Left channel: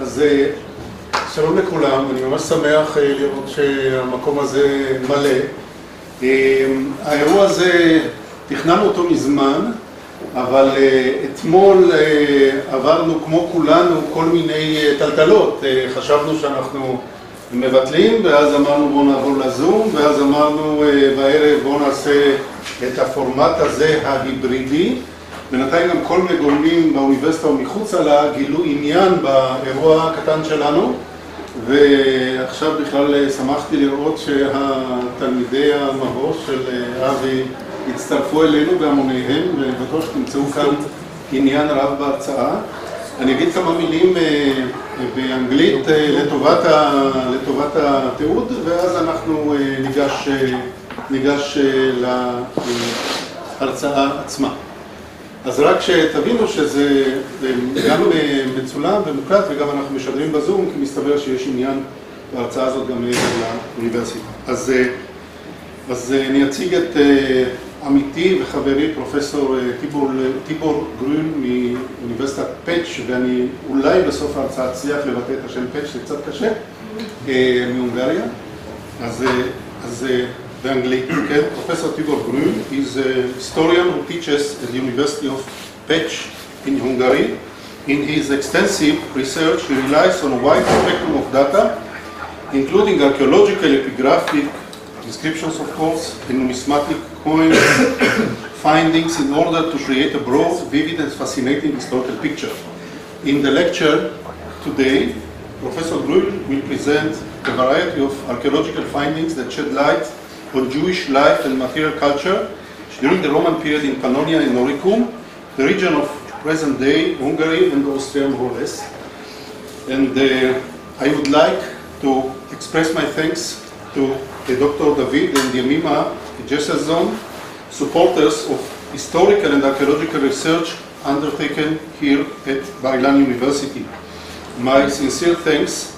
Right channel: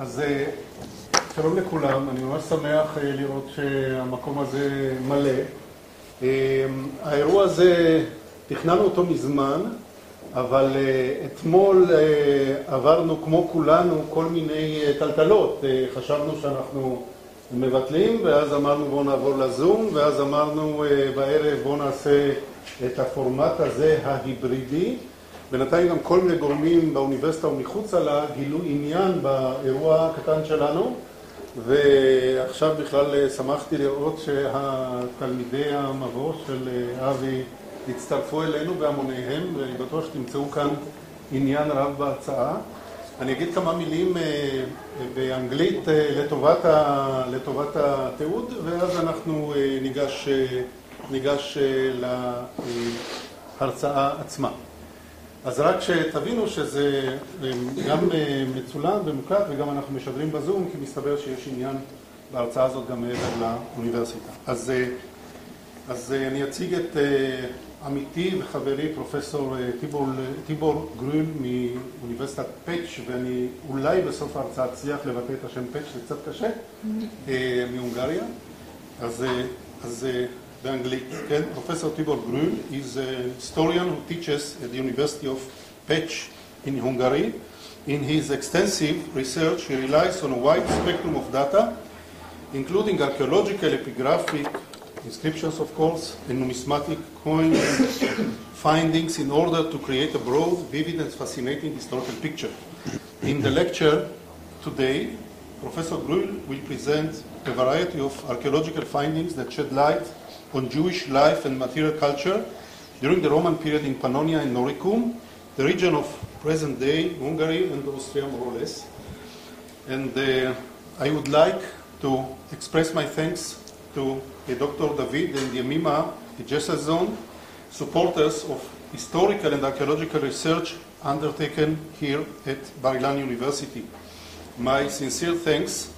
אז שלום לכולם, אני ממש שמח לראות שהמקום הזה מלא. האירוע הזה, תכננו אותו מזמן, אבל אתמול עברנו כמו כולנו כל מיני טלטלות. חשבנו שאנחנו מבטלים, ואז אמרנו בואו נעבור לזום, ואז אמרנו בערב בואו נעשה את הפורמט הזה ההיברידי. בינתיים גם כל מיני גורמים באוניברסיטה ומחוץ לה גילו עניין באירוע הקטן שלנו, ועכשיו בכלל שמחתי לראות שהתלמידי המבוא של אבי הצטרפו אלינו בהמוניהם, ובטוח שתמצאו כאן עניין רב בהרצאה. אני אגיד כמה מילים באנגלית לטובת התיעוד, ואז אנחנו ניגש להרצאה עצמה. אז רק שתבינו שזה גם מצולם ומוקלט וגם אנחנו משדרים בזום, כי מסתבר שיש עניין בהרצאה הזאת גם מעבר לאוניברסיטה. אז אני אציג את עמיתי וחברי פרופסור טיבור גרול מאוניברסיטת פאץ', ואני אולי בסוף ההרצאה אצליח לבטא את השם פאץ', זה קצת קשה, מהונגריה. אז באנגלית, כן? Professor Tibor Grüll is a historian who teaches at the University of Pécs in Hungary. In his extensive research, he relies on a wide spectrum of data, including archaeological, epigraphic descriptions, of course, and numismatic coin findings in order to create a broad, vivid, and fascinating historical picture. In the lecture today, Professor Grüll will present a variety of archaeological findings that shed light on Jewish life and material culture during the Roman period in Pannonia and Noricum, the region of present-day Hungary and Austria more or less. And I would like to express my thanks to Dr. David and Yemima Jesazon, supporters of historical and archaeological research undertaken here at Bar-Ilan University. My sincere thanks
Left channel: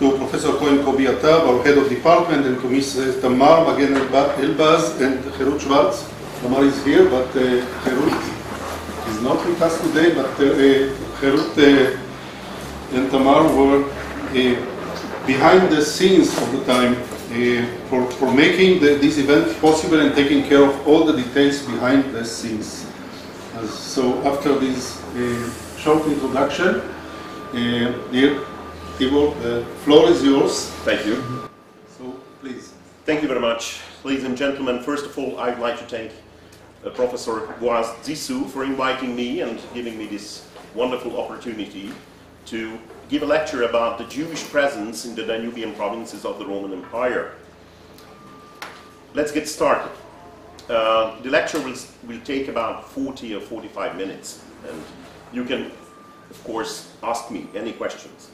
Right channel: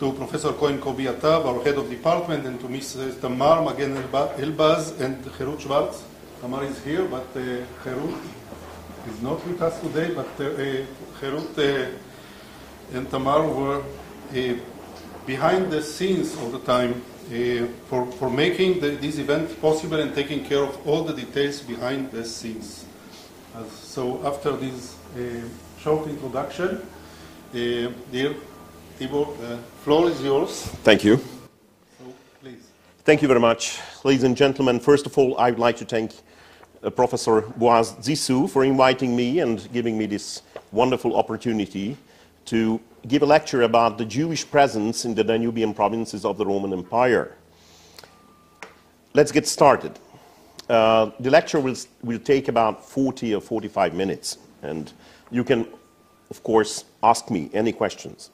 to Professor Cohen Kobi Atab, our head of department, and to Ms. Tamar Magen Elbaz and Herut Schwartz. Tamar is here, but Herut is not with us today, but Herut and Tamar were behind the scenes of the time for making this event possible and taking care of all the details behind the scenes. So after this short introduction, dear Tibor, the floor is yours. Thank you. So, please. Thank you very much. Ladies and gentlemen, first of all, I would like to thank Professor Boaz Zissou for inviting me and giving me this wonderful opportunity to give a lecture about the Jewish presence in the Danubian provinces of the Roman Empire. Let's get started. The lecture will take about 40 or 45 minutes, and you can, of course, ask me any questions.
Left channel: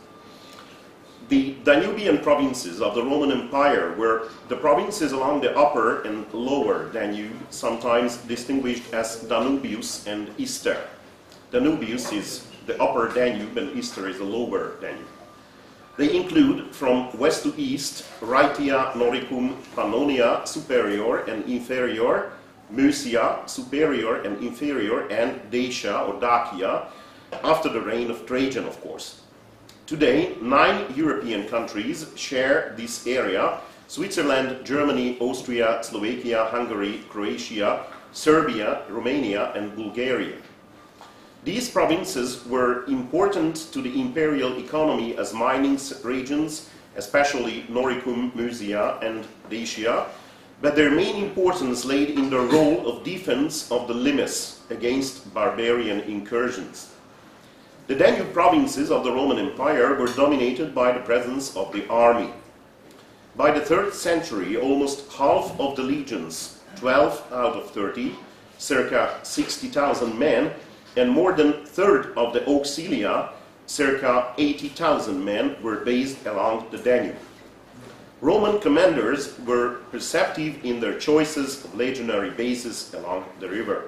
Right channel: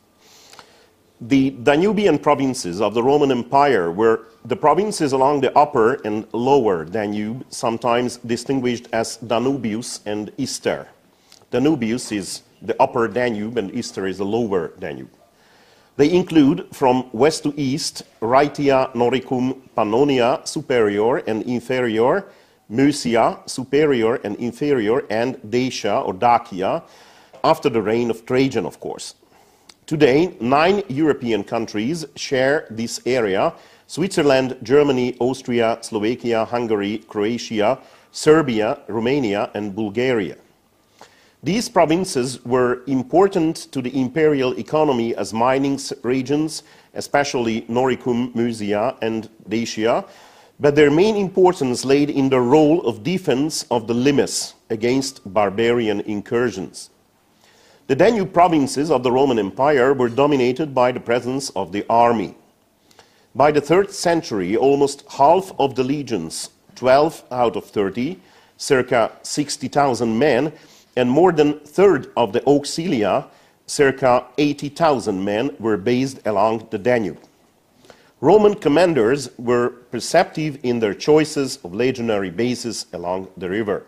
The Danubian provinces of the Roman Empire were the provinces along the upper and lower Danube, sometimes distinguished as Danubius and Ister. Danubius is the upper Danube and Ister is the lower Danube. They include from west to east Rhaetia, Noricum, Pannonia, superior and inferior, Mysia, superior and inferior, and Dacia or Dacia, after the reign of Trajan, of course. Today, 9 European countries share this area: Switzerland, Germany, Austria, Slovakia, Hungary, Croatia, Serbia, Romania, and Bulgaria. These provinces were important to the imperial economy as mining regions, especially Noricum, Mysia, and Dacia, but their main importance laid in the role of defense of the limes against barbarian incursions. The Danube provinces of the Roman Empire were dominated by the presence of the army. By the 3rd century, almost half of the legions, 12 out of 30, circa 60,000 men, and more than a third of the auxilia, circa 80,000 men, were based along the Danube. Roman commanders were perceptive in their choices of legionary bases along the river.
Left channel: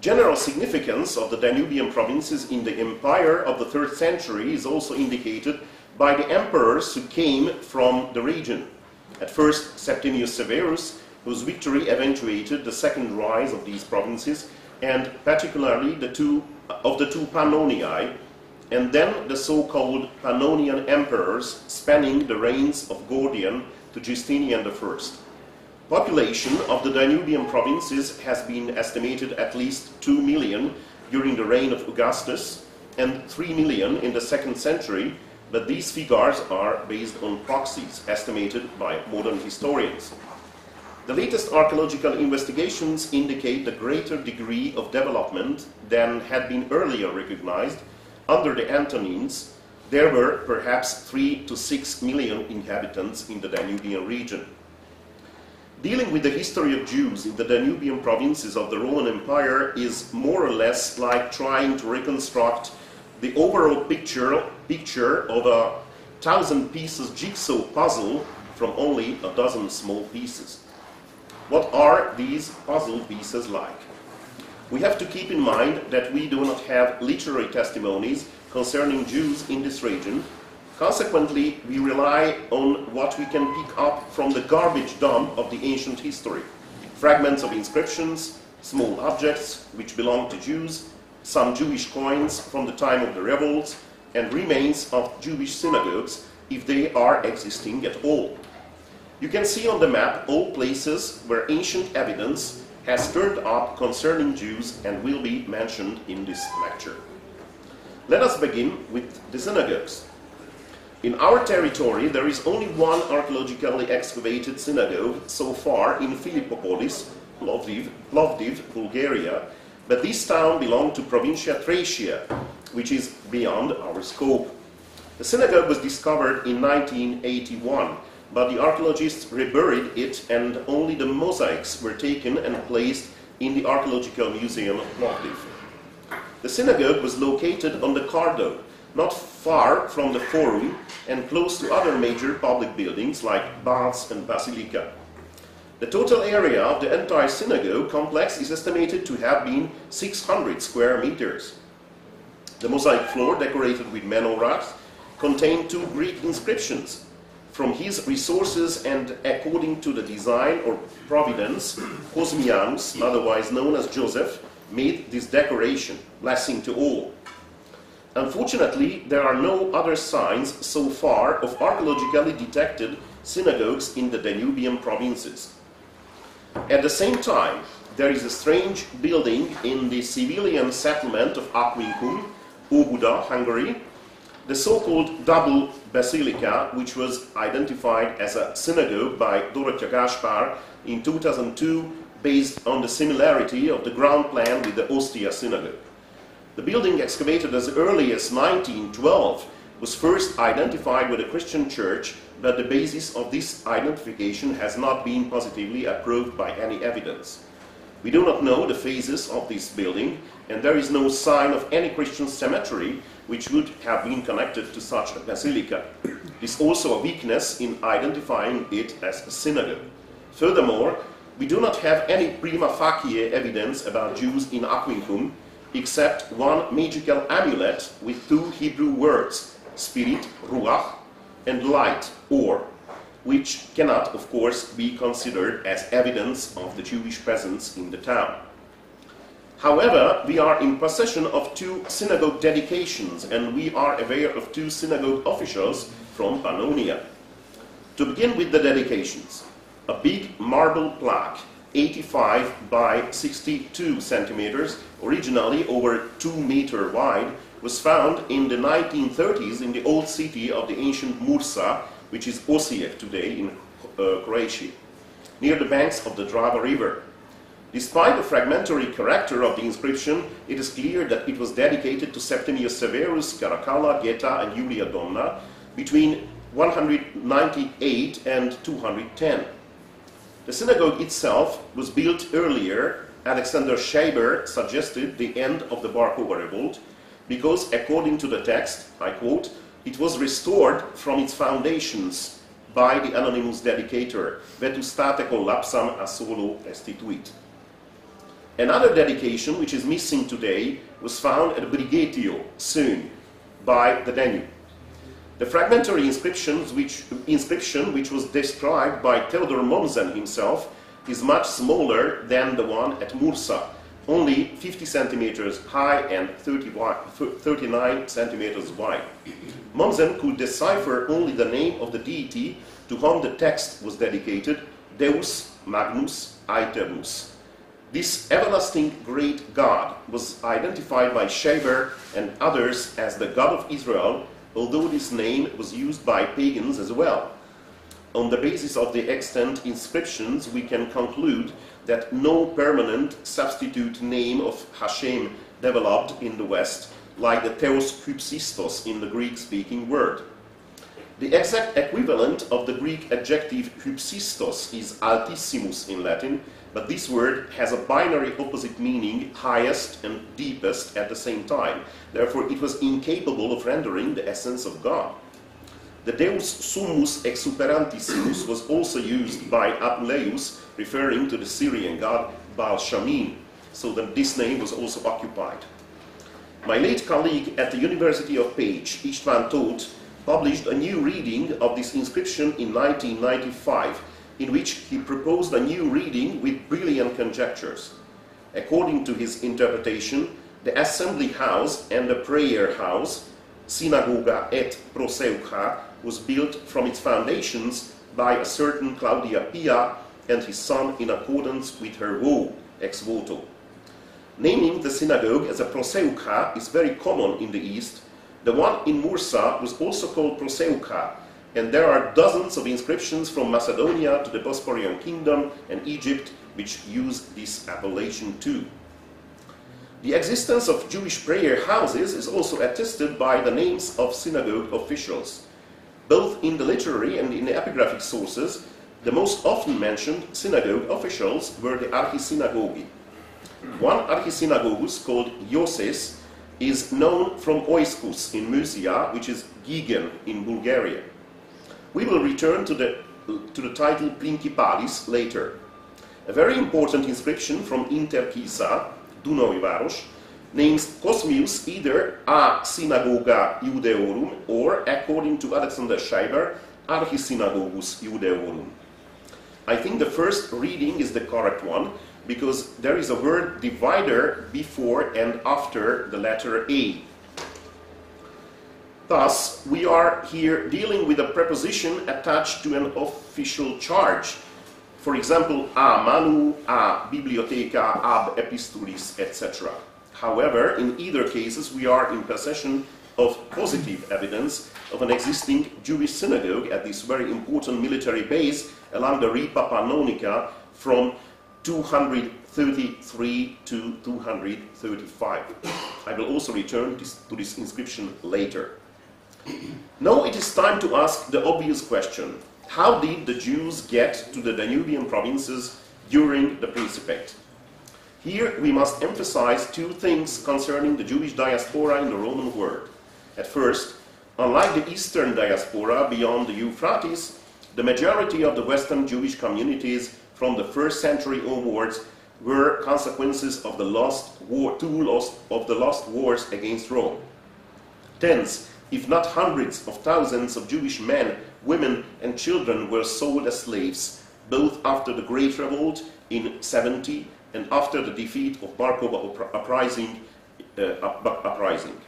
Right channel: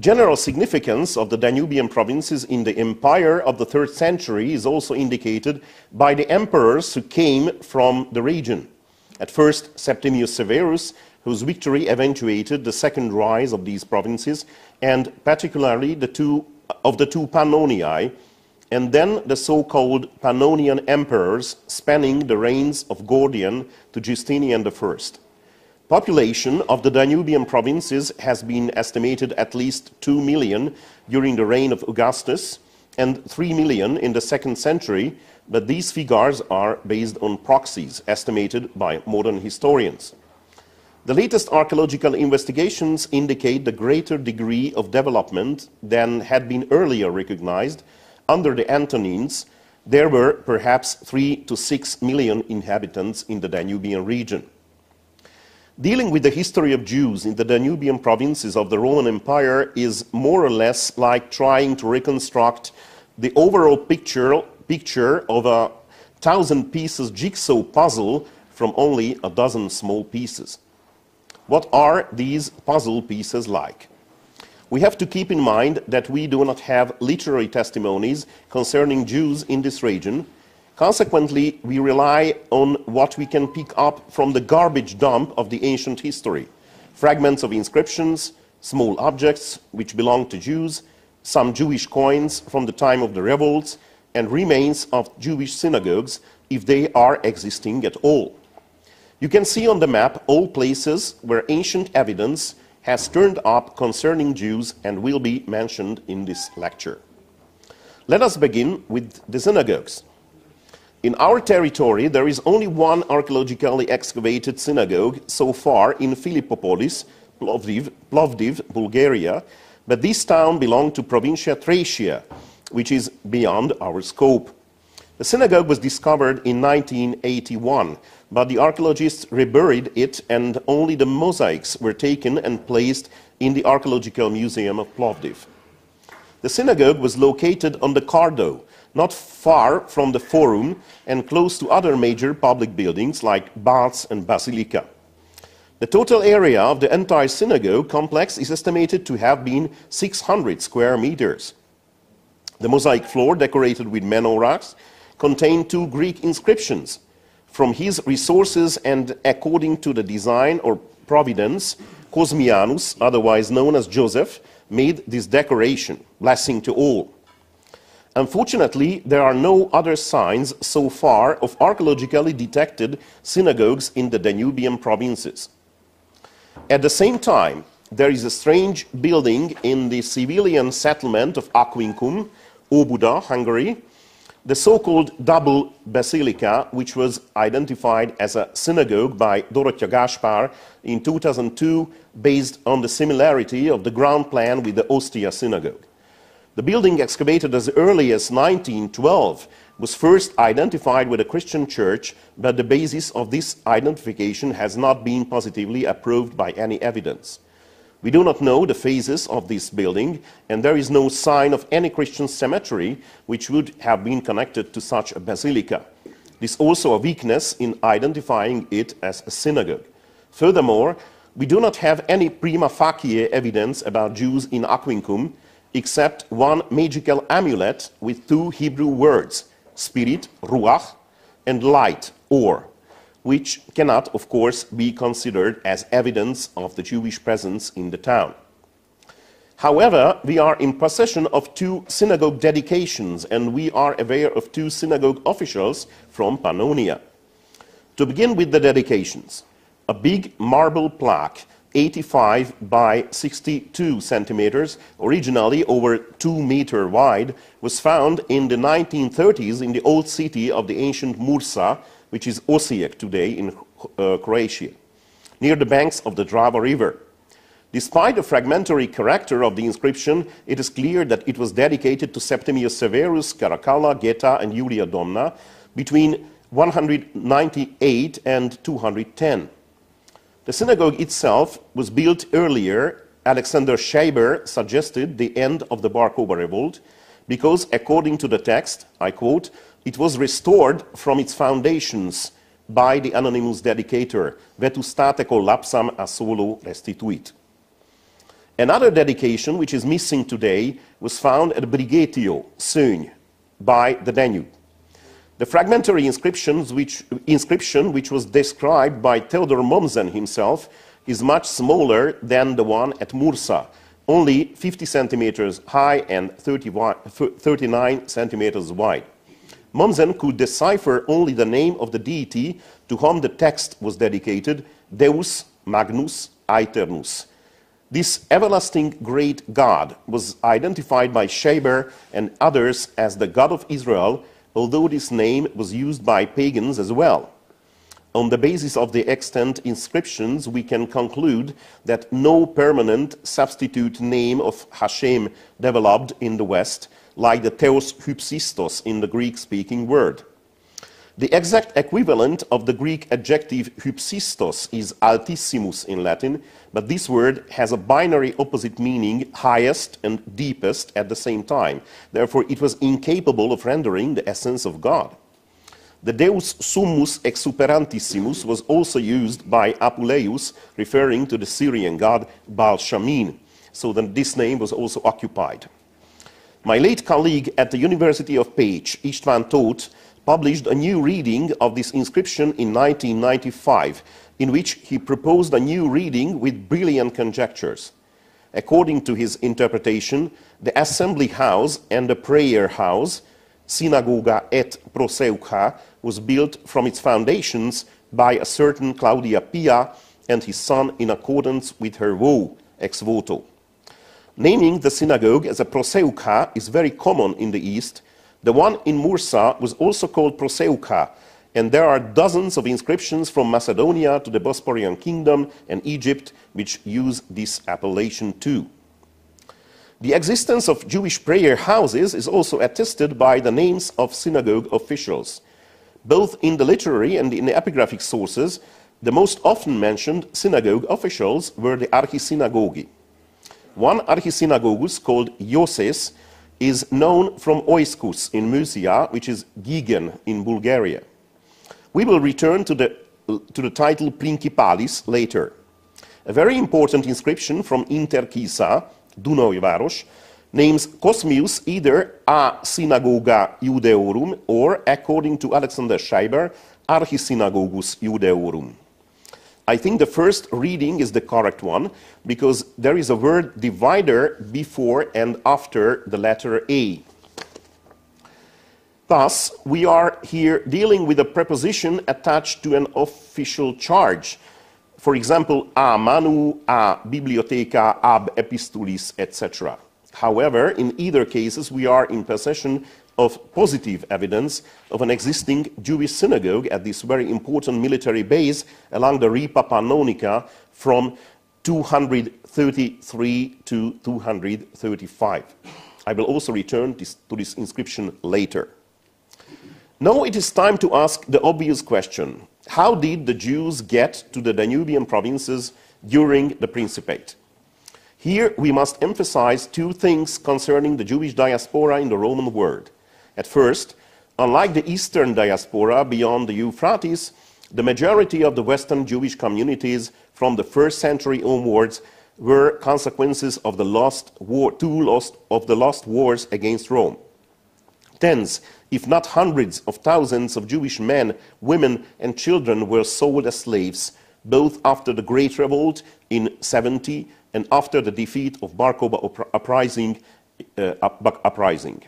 General significance of the Danubian provinces in the empire of the 3rd century is also indicated by the emperors who came from the region. At first, Septimius Severus, whose victory eventuated the second rise of these provinces, and particularly the two Pannoniae, and then the so-called Pannonian emperors spanning the reigns of Gordian to Justinian I. Population of the Danubian provinces has been estimated at least 2 million during the reign of Augustus and 3 million in the 2nd century, but these figures are based on proxies estimated by modern historians. The latest archaeological investigations indicate the greater degree of development than had been earlier recognized. Under the Antonines, there were perhaps 3 to 6 million inhabitants in the Danubian region. Dealing with the history of Jews in the Danubian provinces of the Roman Empire is more or less like trying to reconstruct the overall picture of a 1,000-pieces jigsaw puzzle from only a dozen small pieces. What are these puzzle pieces like? We have to keep in mind that we do not have literary testimonies concerning Jews in this region. Consequently, we rely on what we can pick up from the garbage dump of the ancient history. Fragments of inscriptions, small objects which belong to Jews, some Jewish coins from the time of the revolts, and remains of Jewish synagogues, if they are existing at all. You can see on the map all places where ancient evidence has turned up concerning Jews and will be mentioned in this lecture. Let us begin with the synagogues. In our territory, there is only one archaeologically excavated synagogue so far in Philippopolis, Plovdiv, Bulgaria, but this town belonged to Provincia Thracia, which is beyond our scope. The synagogue was discovered in 1981, but the archaeologists reburied it and only the mosaics were taken and placed in the Archaeological Museum of Plovdiv. The synagogue was located on the Cardo, not far from the Forum and close to other major public buildings like baths and basilica. The total area of the entire synagogue complex is estimated to have been 600 square meters. The mosaic floor, decorated with menorahs, contained 2 Greek inscriptions. From his resources and according to the design or providence, Cosmianus, otherwise known as Joseph, made this decoration, blessing to all. Unfortunately, there are no other signs so far of archaeologically detected synagogues in the Danubian provinces. At the same time, there is a strange building in the civilian settlement of Aquincum, Óbuda, Hungary, the so-called double basilica, which was identified as a synagogue by Dorottya Gáspár in 2002, based on the similarity of the ground plan with the Ostia synagogue. The building, excavated as early as 1912, was first identified with a Christian church, but the basis of this identification has not been positively approved by any evidence. We do not know the phases of this building, and there is no sign of any Christian cemetery which would have been connected to such a basilica. This is also a weakness in identifying it as a synagogue. Furthermore, we do not have any prima facie evidence about Jews in Aquincum, except one magical amulet with 2 Hebrew words, spirit, ruach, and light, or, which cannot, of course, be considered as evidence of the Jewish presence in the town. However, we are in possession of 2 synagogue dedications, and we are aware of 2 synagogue officials from Pannonia. To begin with the dedications, a big marble plaque, 85 by 62 centimeters, originally over 2 meters wide, was found in the 1930s in the old city of the ancient Mursa, which is Osijek today in Croatia, near the banks of the Drava River. Despite the fragmentary character of the inscription, it is clear that it was dedicated to Septimius Severus, Caracalla, Geta, and Julia Donna between 198 and 210. The synagogue itself was built earlier. Alexander Scheiber suggested the end of the Bar Kokhba revolt because, according to the text, I quote, it was restored from its foundations by the anonymous dedicator, vetustate collapsam a solo restituit. Another dedication, which is missing today, was found at Brigetio, Sögne, by the Danube. The fragmentary inscription, which was described by Theodor Mommsen himself, is much smaller than the one at Mursa, only 50 centimeters high and 39 centimeters wide. Mommsen could decipher only the name of the deity to whom the text was dedicated, Deus Magnus Aeternus. This everlasting great God was identified by Scheber and others as the God of Israel, although this name was used by pagans as well. On the basis of the extant inscriptions, we can conclude that no permanent substitute name of Hashem developed in the West, like the Theos hypsistos in the Greek-speaking world. The exact equivalent of the Greek adjective hypsistos is altissimus in Latin, but this word has a binary opposite meaning, highest and deepest at the same time. Therefore, it was incapable of rendering the essence of God. The Deus summus exuperantissimus was also used by Apuleius, referring to the Syrian god Baal-Shamin, so that this name was also occupied. My late colleague at the University of Pécs, István Tóth, published a new reading of this inscription in 1995, in which he proposed a new reading with brilliant conjectures. According to his interpretation, the assembly house and the prayer house, synagoga et proseucha, was built from its foundations by a certain Claudia Pia and his son in accordance with her vow, ex voto. Naming the synagogue as a proseucha is very common in the East. The one in Mursa was also called proseucha, and there are dozens of inscriptions from Macedonia to the Bosporan Kingdom and Egypt which use this appellation too. The existence of Jewish prayer houses is also attested by the names of synagogue officials. Both in the literary and in the epigraphic sources, the most often mentioned synagogue officials were the archisynagogi. One archisynagogus called Ioses is known from Oiskus in Mysia, which is Gigen in Bulgaria. We will return to the title Principalis later. A very important inscription from Interkisa, Dunajváros, names Cosmius either a synagoga Judeorum or, according to Alexander Scheiber, Archisynagogus Judeorum. I think the first reading is the correct one, because there is a word divider before and after the letter A. Thus, we are here dealing with a preposition attached to an official charge. For example, a manu, a bibliotheca, ab epistulis, etc. However, in either cases, we are in possession of positive evidence of an existing Jewish synagogue at this very important military base along the Ripa Pannonica from 233 to 235. I will also return to this inscription later. Now it is time to ask the obvious question. How did the Jews get to the Danubian provinces during the Principate? Here we must emphasize two things concerning the Jewish diaspora in the Roman world. At first, unlike the Eastern diaspora beyond the Euphrates, the majority of the Western Jewish communities from the 1st century onwards were consequences of the lost wars against Rome. Tens, if not hundreds of thousands of Jewish men, women, and children were sold as slaves, both after the Great Revolt in 70 and after the defeat of Bar Kokhba uprising.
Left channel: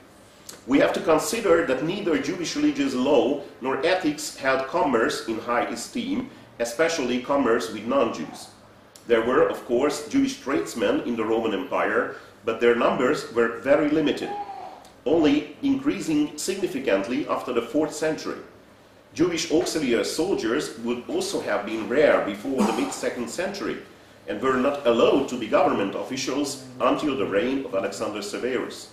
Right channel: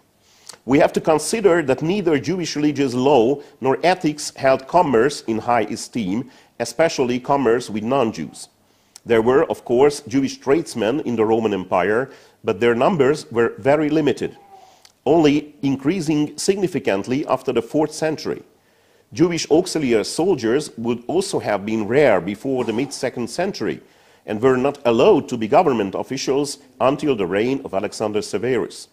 We have to consider that neither Jewish religious law nor ethics held commerce in high esteem, especially commerce with non-Jews. There were, of course, Jewish tradesmen in the Roman Empire, but their numbers were very limited, only increasing significantly after the 4th century. Jewish auxiliary soldiers would also have been rare before the mid-2nd century and were not allowed to be government officials until the reign of Alexander Severus.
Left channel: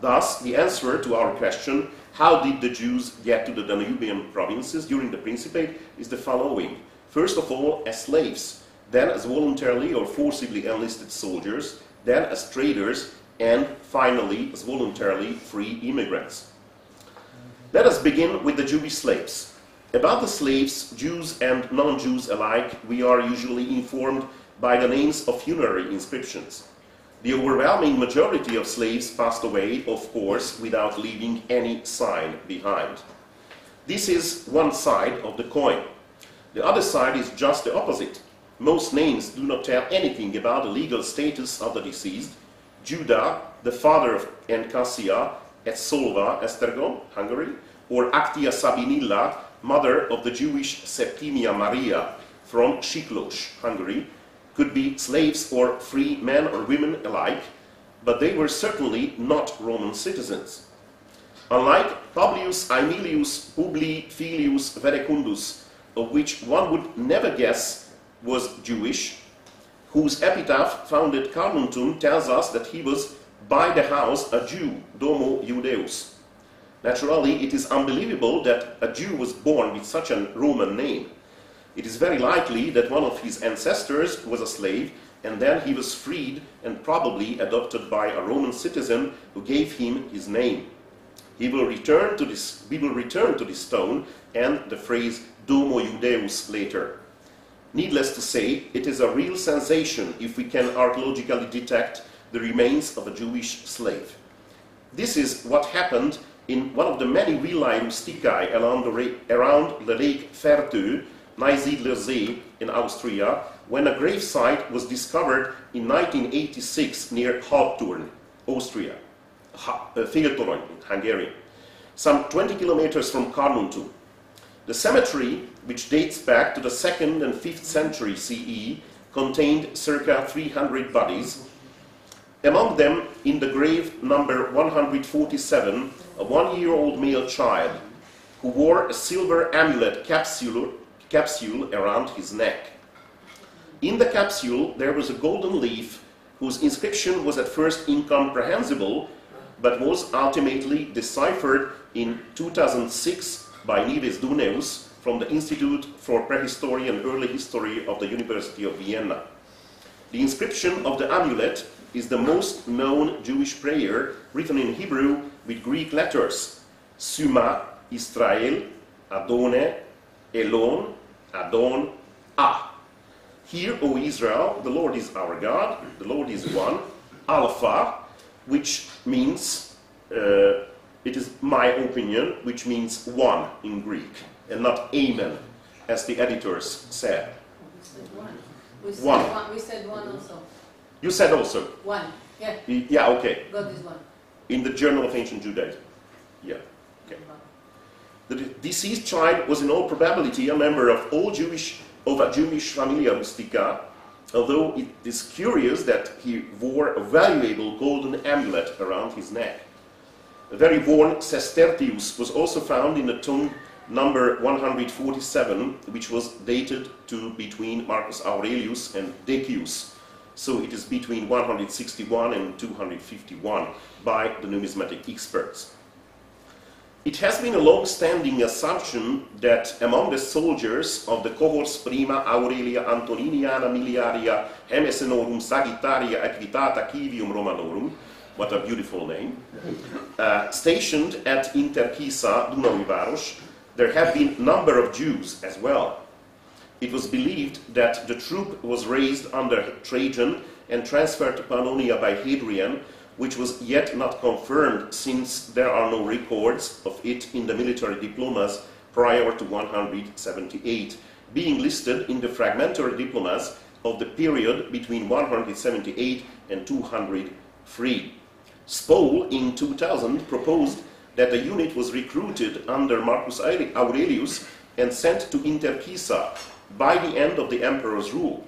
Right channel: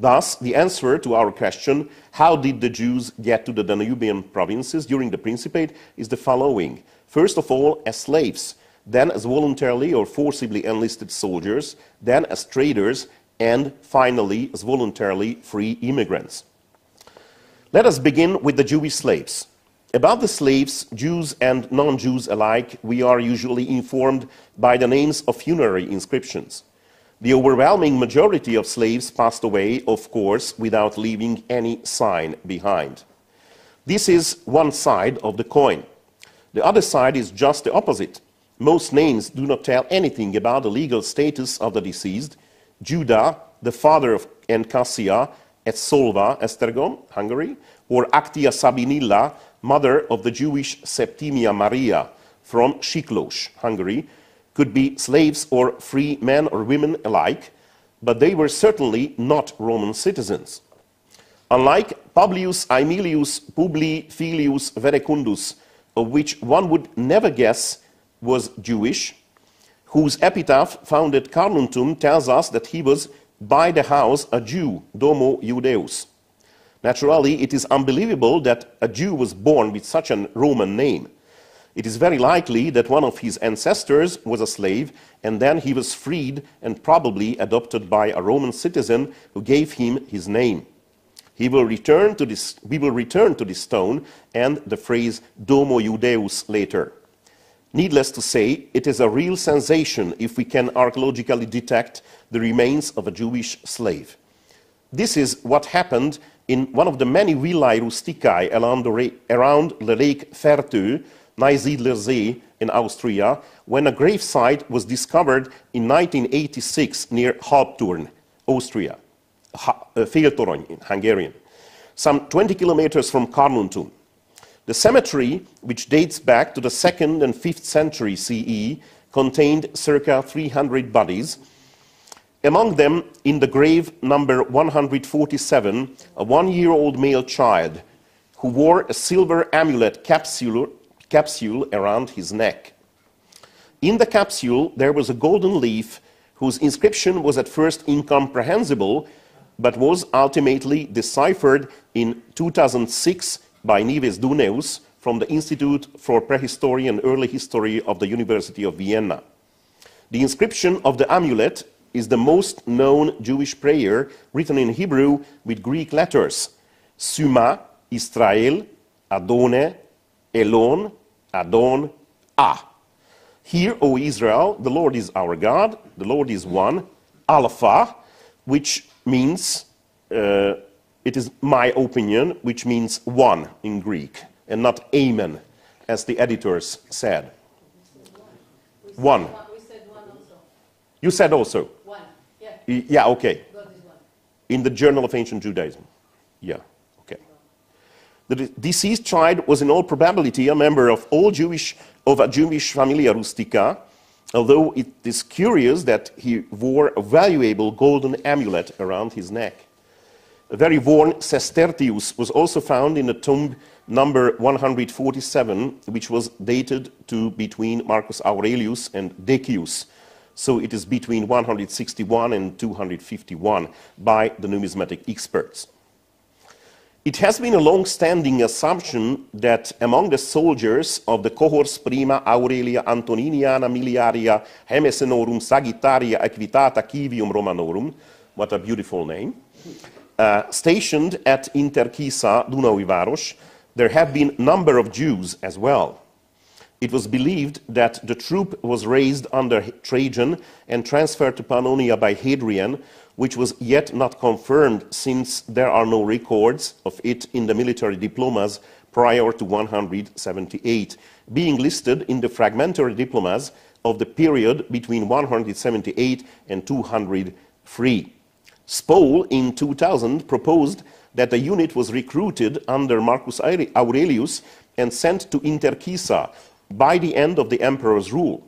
Thus, the answer to our question, how did the Jews get to the Danubian provinces during the Principate, is the following. First of all, as slaves, then as voluntarily or forcibly enlisted soldiers, then as traders, and finally as voluntarily free immigrants. Let us begin with the Jewish slaves. About the slaves, Jews and non-Jews alike, we are usually informed by the names of funerary inscriptions. The overwhelming majority of slaves passed away, of course, without leaving any sign behind. This is one side of the coin. The other side is just the opposite. most names do not tell anything about the legal status of the deceased, Judah, the father of Encassia, et Solva, Esztergom, Hungary, or Actia Sabinilla, mother of the Jewish Septimia Maria from Siklos, Hungary, could be slaves or free men or women alike, but they were certainly not Roman citizens. Unlike Publius Aemilius Publi Filius Verecundus, of which one would never guess was Jewish, whose epitaph found at Carnuntum tells us that he was by the house a Jew, Domo Judeus. Naturally, it is unbelievable that a Jew was born with such a Roman name. It is very likely that one of his ancestors was a slave, and then he was freed and probably adopted by a Roman citizen who gave him his name. We will return to this stone and the phrase Domo Judeus later. Needless to say, it is a real sensation if we can archaeologically detect the remains of a Jewish slave. This is what happened in one of the many villae rusticae around the lake Vertö, Neusiedler See in Austria, when a gravesite was discovered in 1986 near Hauptturn, Austria, Féltorony in Hungarian, some 20 kilometers from Carnuntum. The cemetery, which dates back to the 2nd and 5th century CE, contained circa 300 bodies. Among them, in the grave number 147, a 1-year-old male child who wore a silver amulet capsule around his neck. In the capsule, there was a golden leaf whose inscription was at first incomprehensible, but was ultimately deciphered in 2006 by Nives Duneus from the Institute for Prehistory and Early History of the University of Vienna. The inscription of the amulet is the most known Jewish prayer written in Hebrew with Greek letters: Suma, Israel, Adone, Elon, Adon, Ah. Hear, O Israel, the Lord is our God, the Lord is one, Alpha, which means, it is my opinion, which means one in Greek, and not Amen, as the editors said. We said One. We said one also. You said also? One, yeah. Yeah, okay. God is one. In the Journal of Ancient Judaism. Yeah, okay. The deceased child was in all probability a member of a Jewish familia rustica, although it is curious that he wore a valuable golden amulet around his neck. A very worn sestertius was also found in the tomb number 147, which was dated to between Marcus Aurelius and Decius. So it is between 161 and 251 by the numismatic experts. It has been a long-standing assumption that among the soldiers of the cohorts Prima Aurelia Antoniniana Miliaria Hemesenorum Sagittaria Equitata Civium Romanorum, what a beautiful name, stationed at Interkisa, Dunaui Város, there have been a number of Jews as well. It was believed that the troop was raised under Trajan and transferred to Pannonia by Hadrian, which was yet not confirmed since there are no records of it in the military diplomas prior to 178, being listed in the fragmentary diplomas of the period between 178 and 203. Spole in 2000 proposed that the unit was recruited under Marcus Aurelius and sent to Interkisa by the end of the emperor's rule.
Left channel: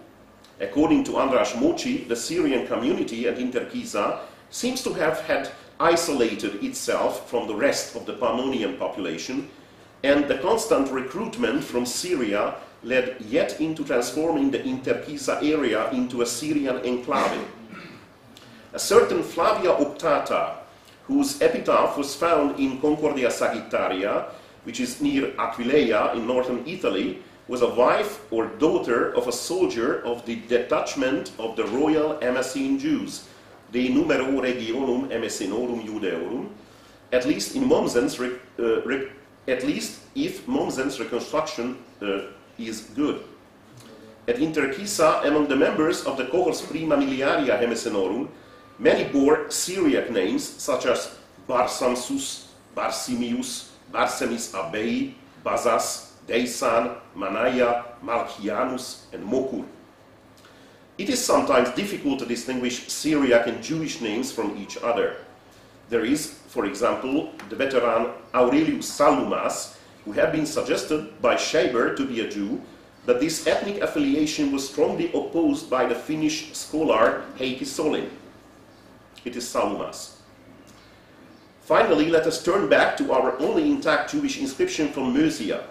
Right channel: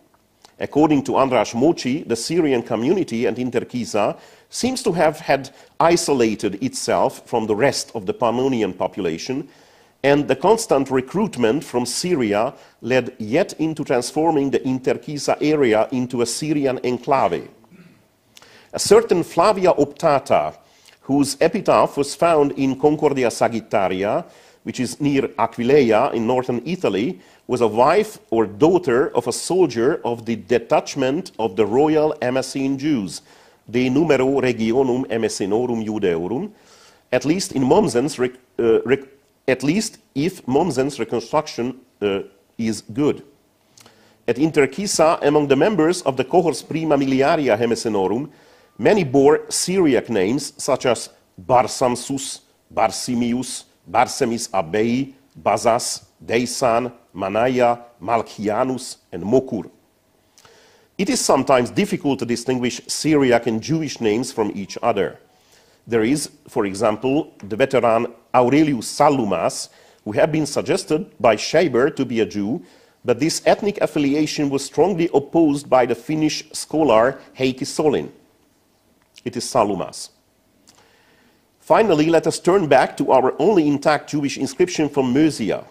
According to András Mochi, the Syrian community at Interkisa seems to have had isolated itself from the rest of the Pannonian population, and the constant recruitment from Syria led yet into transforming the Interkisa area into a Syrian enclave. A certain Flavia Optata, whose epitaph was found in Concordia Sagittaria, which is near Aquileia in northern Italy, was a wife or daughter of a soldier of the detachment of the royal Emessene Jews, de numero regionum Emessenorum Judeorum, at least in Mommsen's if Mommsen's reconstruction is good. At Interkisa, among the members of the cohorts Prima Miliaria Hemessenorum, many bore Syriac names such as Barsamsus, Barsimius, Barsemis Abei, Bazas, Deisan, Manaya, Malchianus, and Mokur. It is sometimes difficult to distinguish Syriac and Jewish names from each other. There is, for example, the veteran Aurelius Salumas, who had been suggested by Scheiber to be a Jew, but this ethnic affiliation was strongly opposed by the Finnish scholar Heikki Solin. It is Salumas. Finally, let us turn back to our only intact Jewish inscription from Mösia.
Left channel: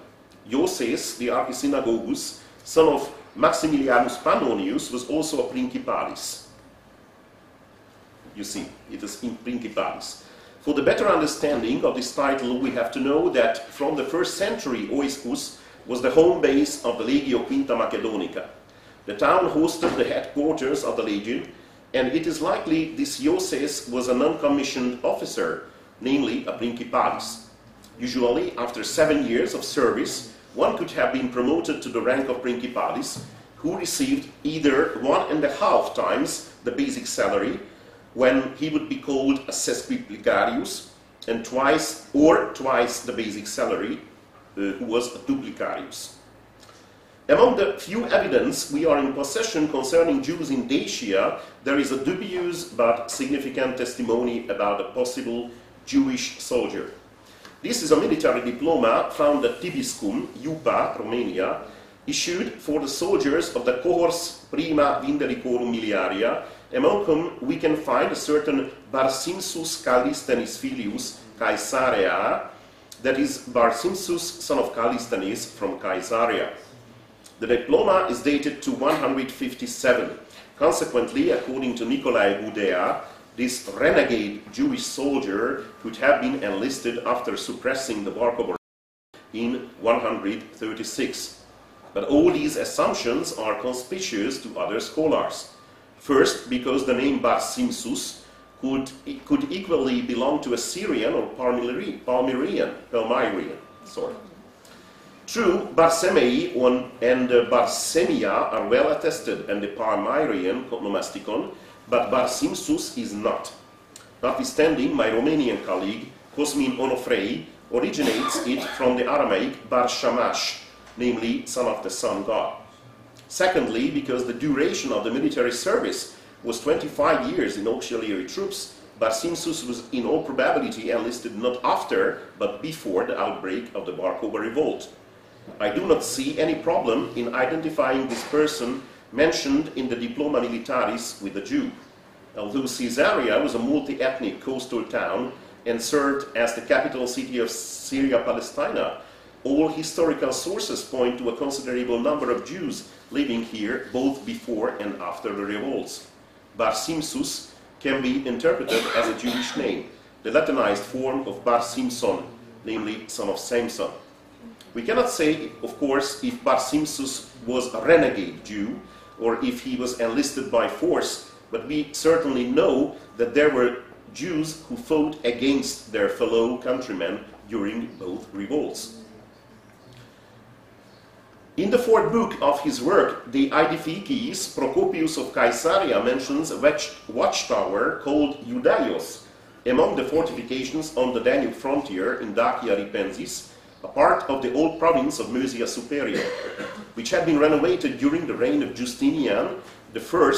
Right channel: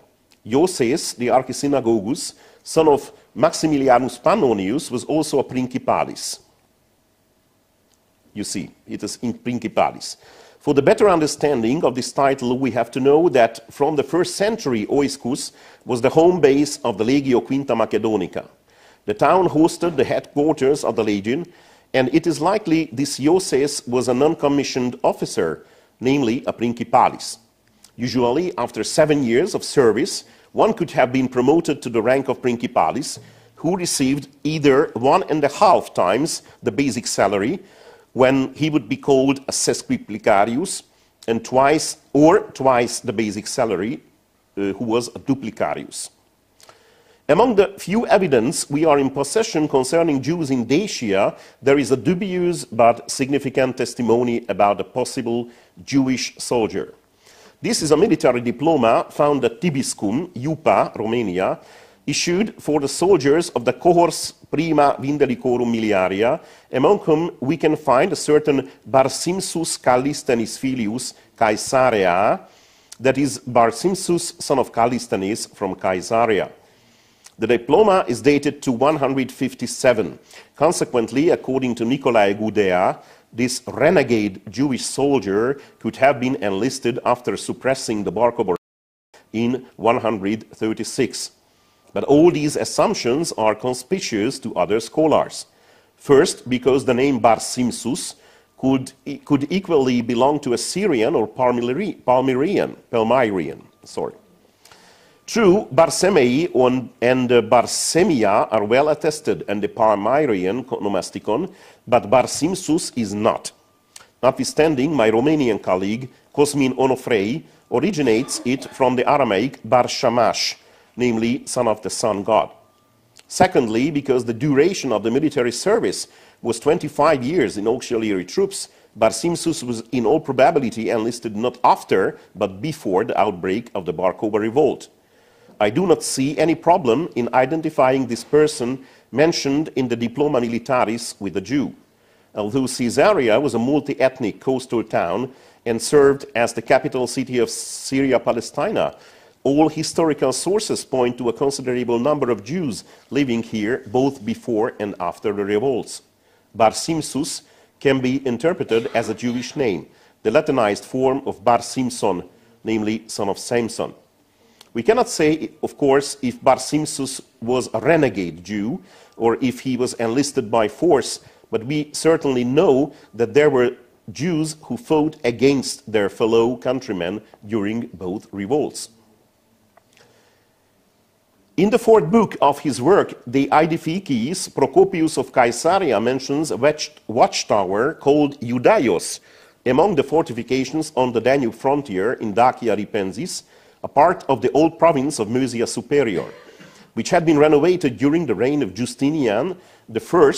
Ioses, the archisynagogus, son of Maximilianus Pannonius, was also a principalis. You see, it is in principalis. For the better understanding of this title, we have to know that from the 1st century, Oiscus was the home base of the Legio Quinta Macedonica. The town hosted the headquarters of the legion, and it is likely this Ioses was a non-commissioned officer, namely a principalis. Usually, after 7 years of service, one could have been promoted to the rank of principalis, who received either 1.5 times the basic salary, when he would be called a sesquiplicarius, and twice the basic salary, who was a duplicarius. Among the few evidence we are in possession concerning Jews in Dacia, there is a dubious but significant testimony about a possible Jewish soldier. This is a military diploma found at Tibiscum, Iupa, Romania, issued for the soldiers of the cohors prima vindelicorum miliaria, among whom we can find a certain Barsimsus Callistenis Filius Caesarea, that is Barsimsus, son of Callistenes from Caesarea. The diploma is dated to 157. Consequently, according to Nicolae Gudea, this renegade Jewish soldier could have been enlisted after suppressing the Bar Kokhba in 136. But all these assumptions are conspicuous to other scholars. First, because the name Barsimsus could equally belong to a Syrian or Palmyrian. True, Barsemei and Barsemia are well attested, and the Palmyrian nomasticon, but Barsimsus is not. Notwithstanding, my Romanian colleague, Cosmin Onofrei, originates it from the Aramaic Bar Shamash, namely, son of the sun god. Secondly, because the duration of the military service was 25 years in auxiliary troops, Barsimsus was in all probability enlisted not after, but before the outbreak of the Bar Kokhba revolt. I do not see any problem in identifying this person mentioned in the Diploma Militaris with a Jew. Although Caesarea was a multi-ethnic coastal town and served as the capital city of Syria-Palestina, all historical sources point to a considerable number of Jews living here both before and after the revolts. Barsimsus can be interpreted as a Jewish name, the Latinized form of Bar Simson, namely son of Samson. We cannot say, of course, if Barsimsus was a renegade Jew or if he was enlisted by force, but we certainly know that there were Jews who fought against their fellow countrymen during both revolts. In the 4th book of his work, De Aedificiis, Procopius of Caesarea mentions a watchtower called Eudaios among the fortifications on the Danube frontier in Dacia Ripensis, a part of the old province of Mösia Superior, which had been renovated during the reign of Justinian I,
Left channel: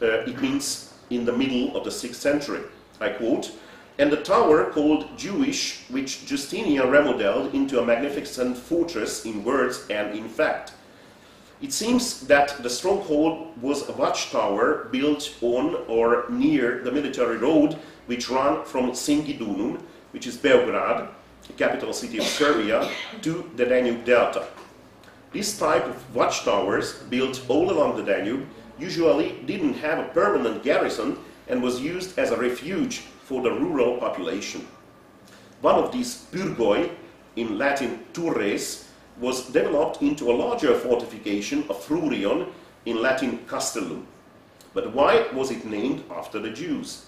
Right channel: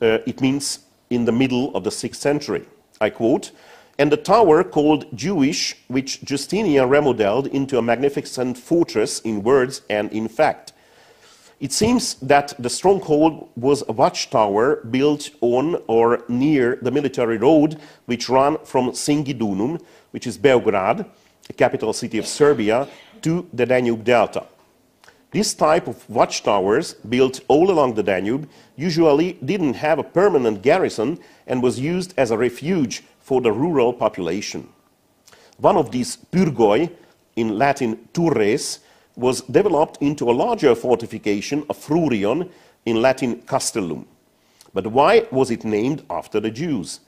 it means in the middle of the 6th century. I quote, "And the tower called Jewish, which Justinian remodeled into a magnificent fortress in words and in fact." It seems that the stronghold was a watchtower built on or near the military road which ran from Singidunum, which is Belgrade, the capital city of Serbia, to the Danube Delta. This type of watchtowers, built all along the Danube, usually didn't have a permanent garrison and was used as a refuge for the rural population. One of these purgoi, in Latin turres, was developed into a larger fortification, a frurion, in Latin castellum. But why was it named after the Jews?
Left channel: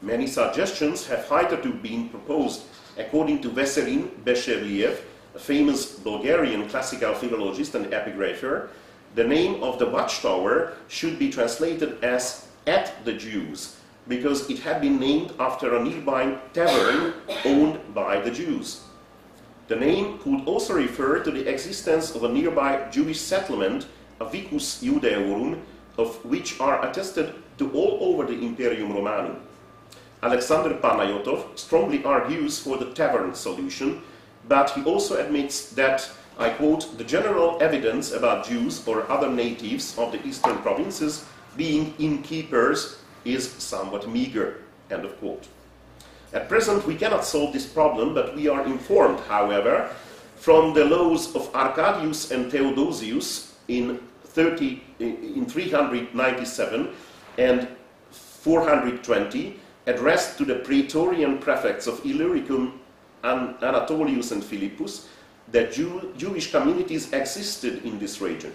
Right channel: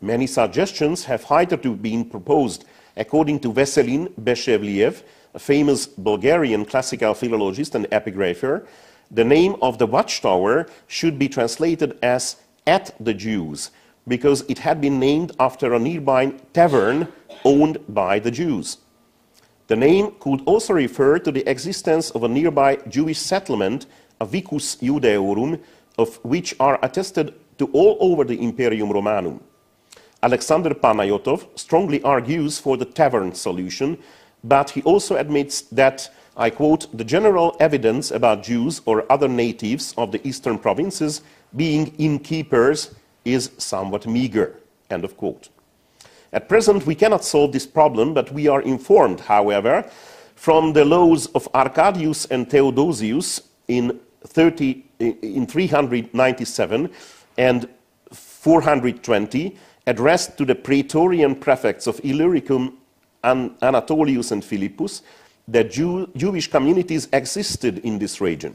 Many suggestions have hitherto been proposed. According to Veselin Beshevliev, a famous Bulgarian classical philologist and epigrapher, the name of the watchtower should be translated as "at the Jews," because it had been named after a nearby tavern owned by the Jews. The name could also refer to the existence of a nearby Jewish settlement, a Vicus Judaeorum, of which are attested to all over the Imperium Romanum. Alexander Panayotov strongly argues for the tavern solution, but he also admits that, I quote, the general evidence about Jews or other natives of the eastern provinces being innkeepers is somewhat meager, end of quote. At present, we cannot solve this problem, but we are informed, however, from the laws of Arcadius and Theodosius in 397 and 420, addressed to the Praetorian prefects of Illyricum, Anatolius and Philippus, that Jewish communities existed in this region.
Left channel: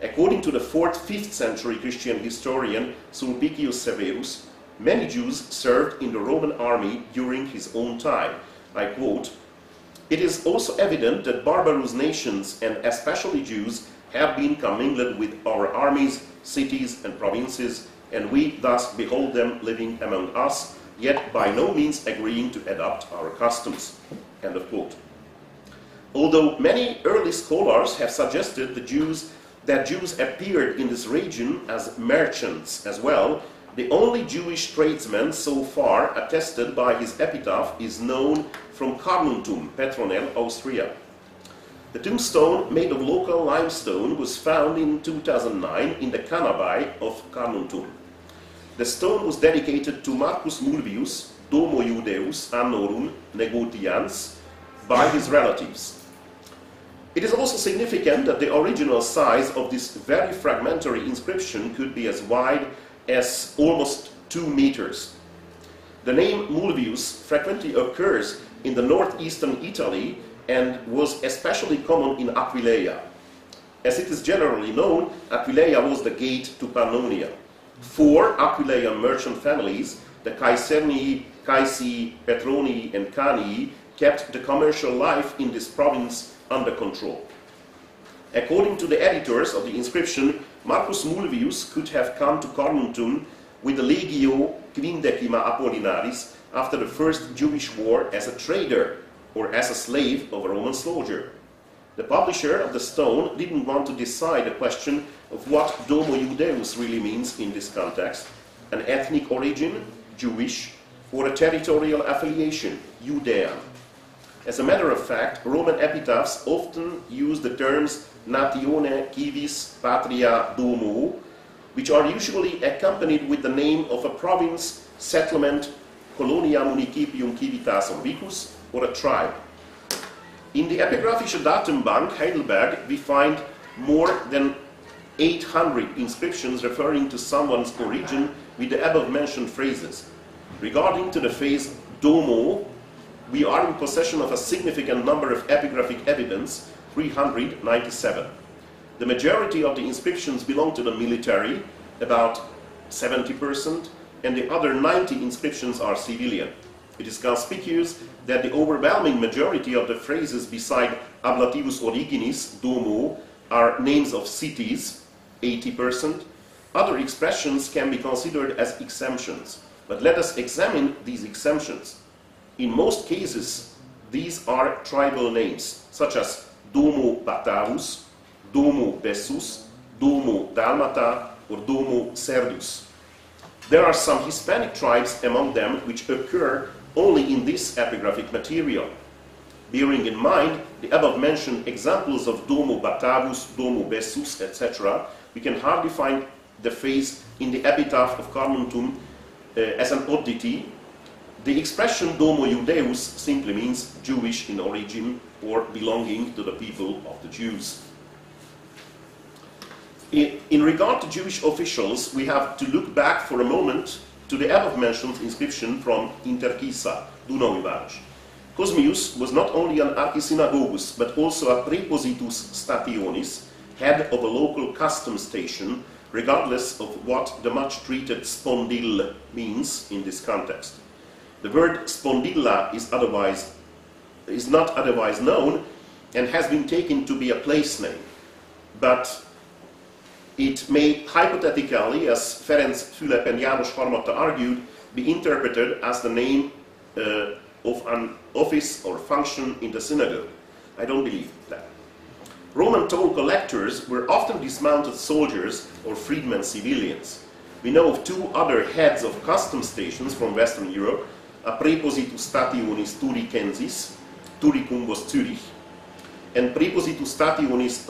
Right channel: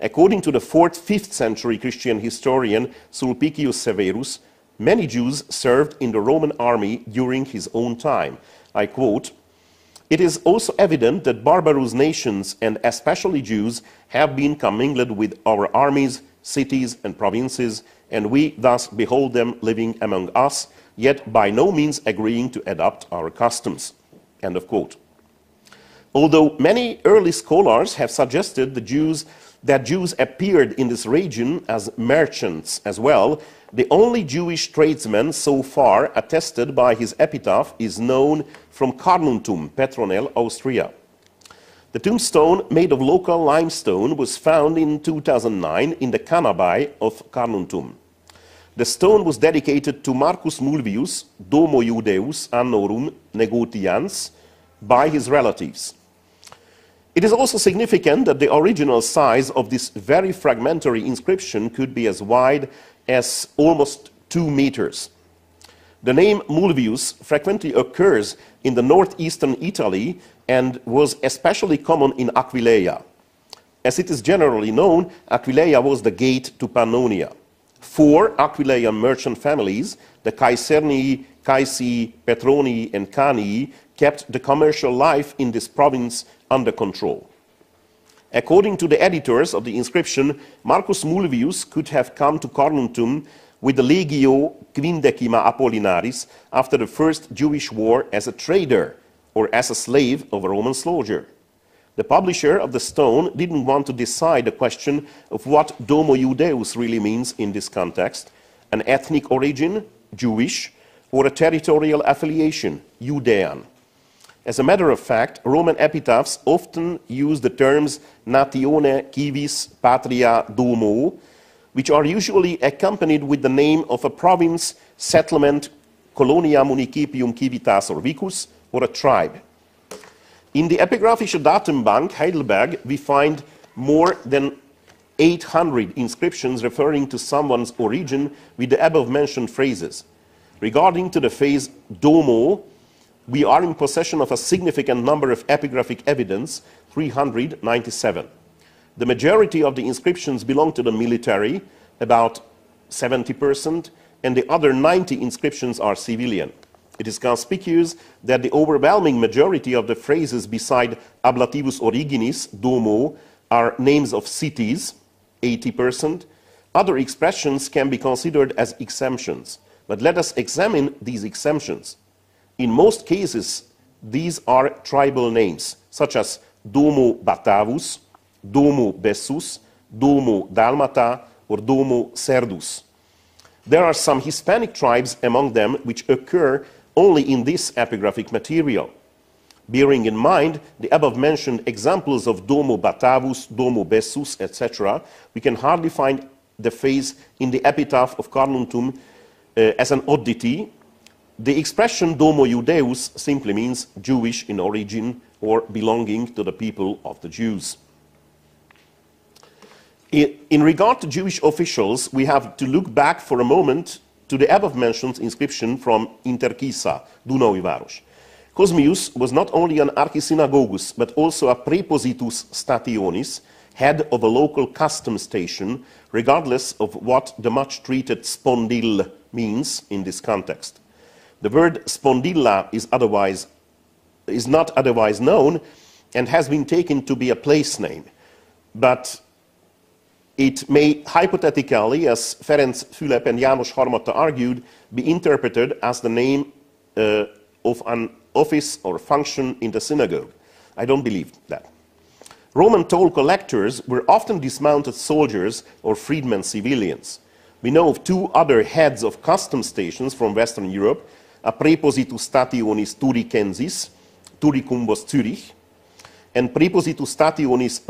According to the 4th-5th century Christian historian Sulpicius Severus, many Jews served in the Roman army during his own time. I quote, "It is also evident that barbarous nations, and especially Jews, have been commingled with our armies, cities, and provinces, and we thus behold them living among us, yet by no means agreeing to adopt our customs." End of quote. Although many early scholars have suggested that Jews appeared in this region as merchants as well, the only Jewish tradesman so far attested by his epitaph is known from Carnuntum, Petronell, Austria. The tombstone, made of local limestone, was found in 2009 in the Canabai of Carnuntum. The stone was dedicated to Marcus Mulvius, Domo Iudeus Annorum Negotians, by his relatives. It is also significant that the original size of this very fragmentary inscription could be as wide as almost 2 meters. The name Mulvius frequently occurs in the northeastern Italy and was especially common in Aquileia. As it is generally known, Aquileia was the gate to Pannonia. 4 Aquileian merchant families, the Caesernii, Caesii, Petronii, and Canii, kept the commercial life in this province under control. According to the editors of the inscription, Marcus Mulvius could have come to Carnuntum with the Legio Quindecima Apollinaris after the first Jewish war as a trader or as a slave of a Roman soldier. The publisher of the stone didn't want to decide the question of what Domo Iudeus really means in this context, an ethnic origin, Jewish, or a territorial affiliation, Judean. As a matter of fact, Roman epitaphs often use the terms natione civis patria domo, which are usually accompanied with the name of a province, settlement, colonia municipium civitas orbicus, or a tribe. In the Epigraphische Datenbank Heidelberg, we find more than 800 inscriptions referring to someone's origin with the above-mentioned phrases. Regarding to the phrase domo, we are in possession of a significant number of epigraphic evidence, 397. The majority of the inscriptions belong to the military, about 70%, and the other 90 inscriptions are civilian. It is conspicuous that the overwhelming majority of the phrases beside ablativus originis, domo, are names of cities, 80%. Other expressions can be considered as exemptions. But let us examine these exemptions. In most cases, these are tribal names, such as Domo Batavus, Domo Bessus, Domo Dalmata, or Domo Serdus. There are some Hispanic tribes among them which occur only in this epigraphic material. Bearing in mind the above-mentioned examples of Domo Batavus, Domo Bessus, etc., we can hardly find the phrase in the epitaph of Carnuntum as an oddity. The expression Domo Iudeus simply means Jewish in origin or belonging to the people of the Jews. In regard to Jewish officials, we have to look back for a moment to the above-mentioned inscription from Interkisa, Dunaui Város. Cosmius was not only an archisynagogus, but also a prepositus stationis, head of a local custom station, regardless of what the much-treated spondil means in this context. The word spondilla is not otherwise known and has been taken to be a place name, but it may hypothetically, as Ferenc Fülep and János Harmata argued, be interpreted as the name of an office or function in the synagogue. I don't believe that. Roman toll collectors were often dismounted soldiers or freedmen civilians. We know of two other heads of custom stations from Western Europe, a prepositus stationis Turicensis, Noricum was Zurich, and prepositus stationis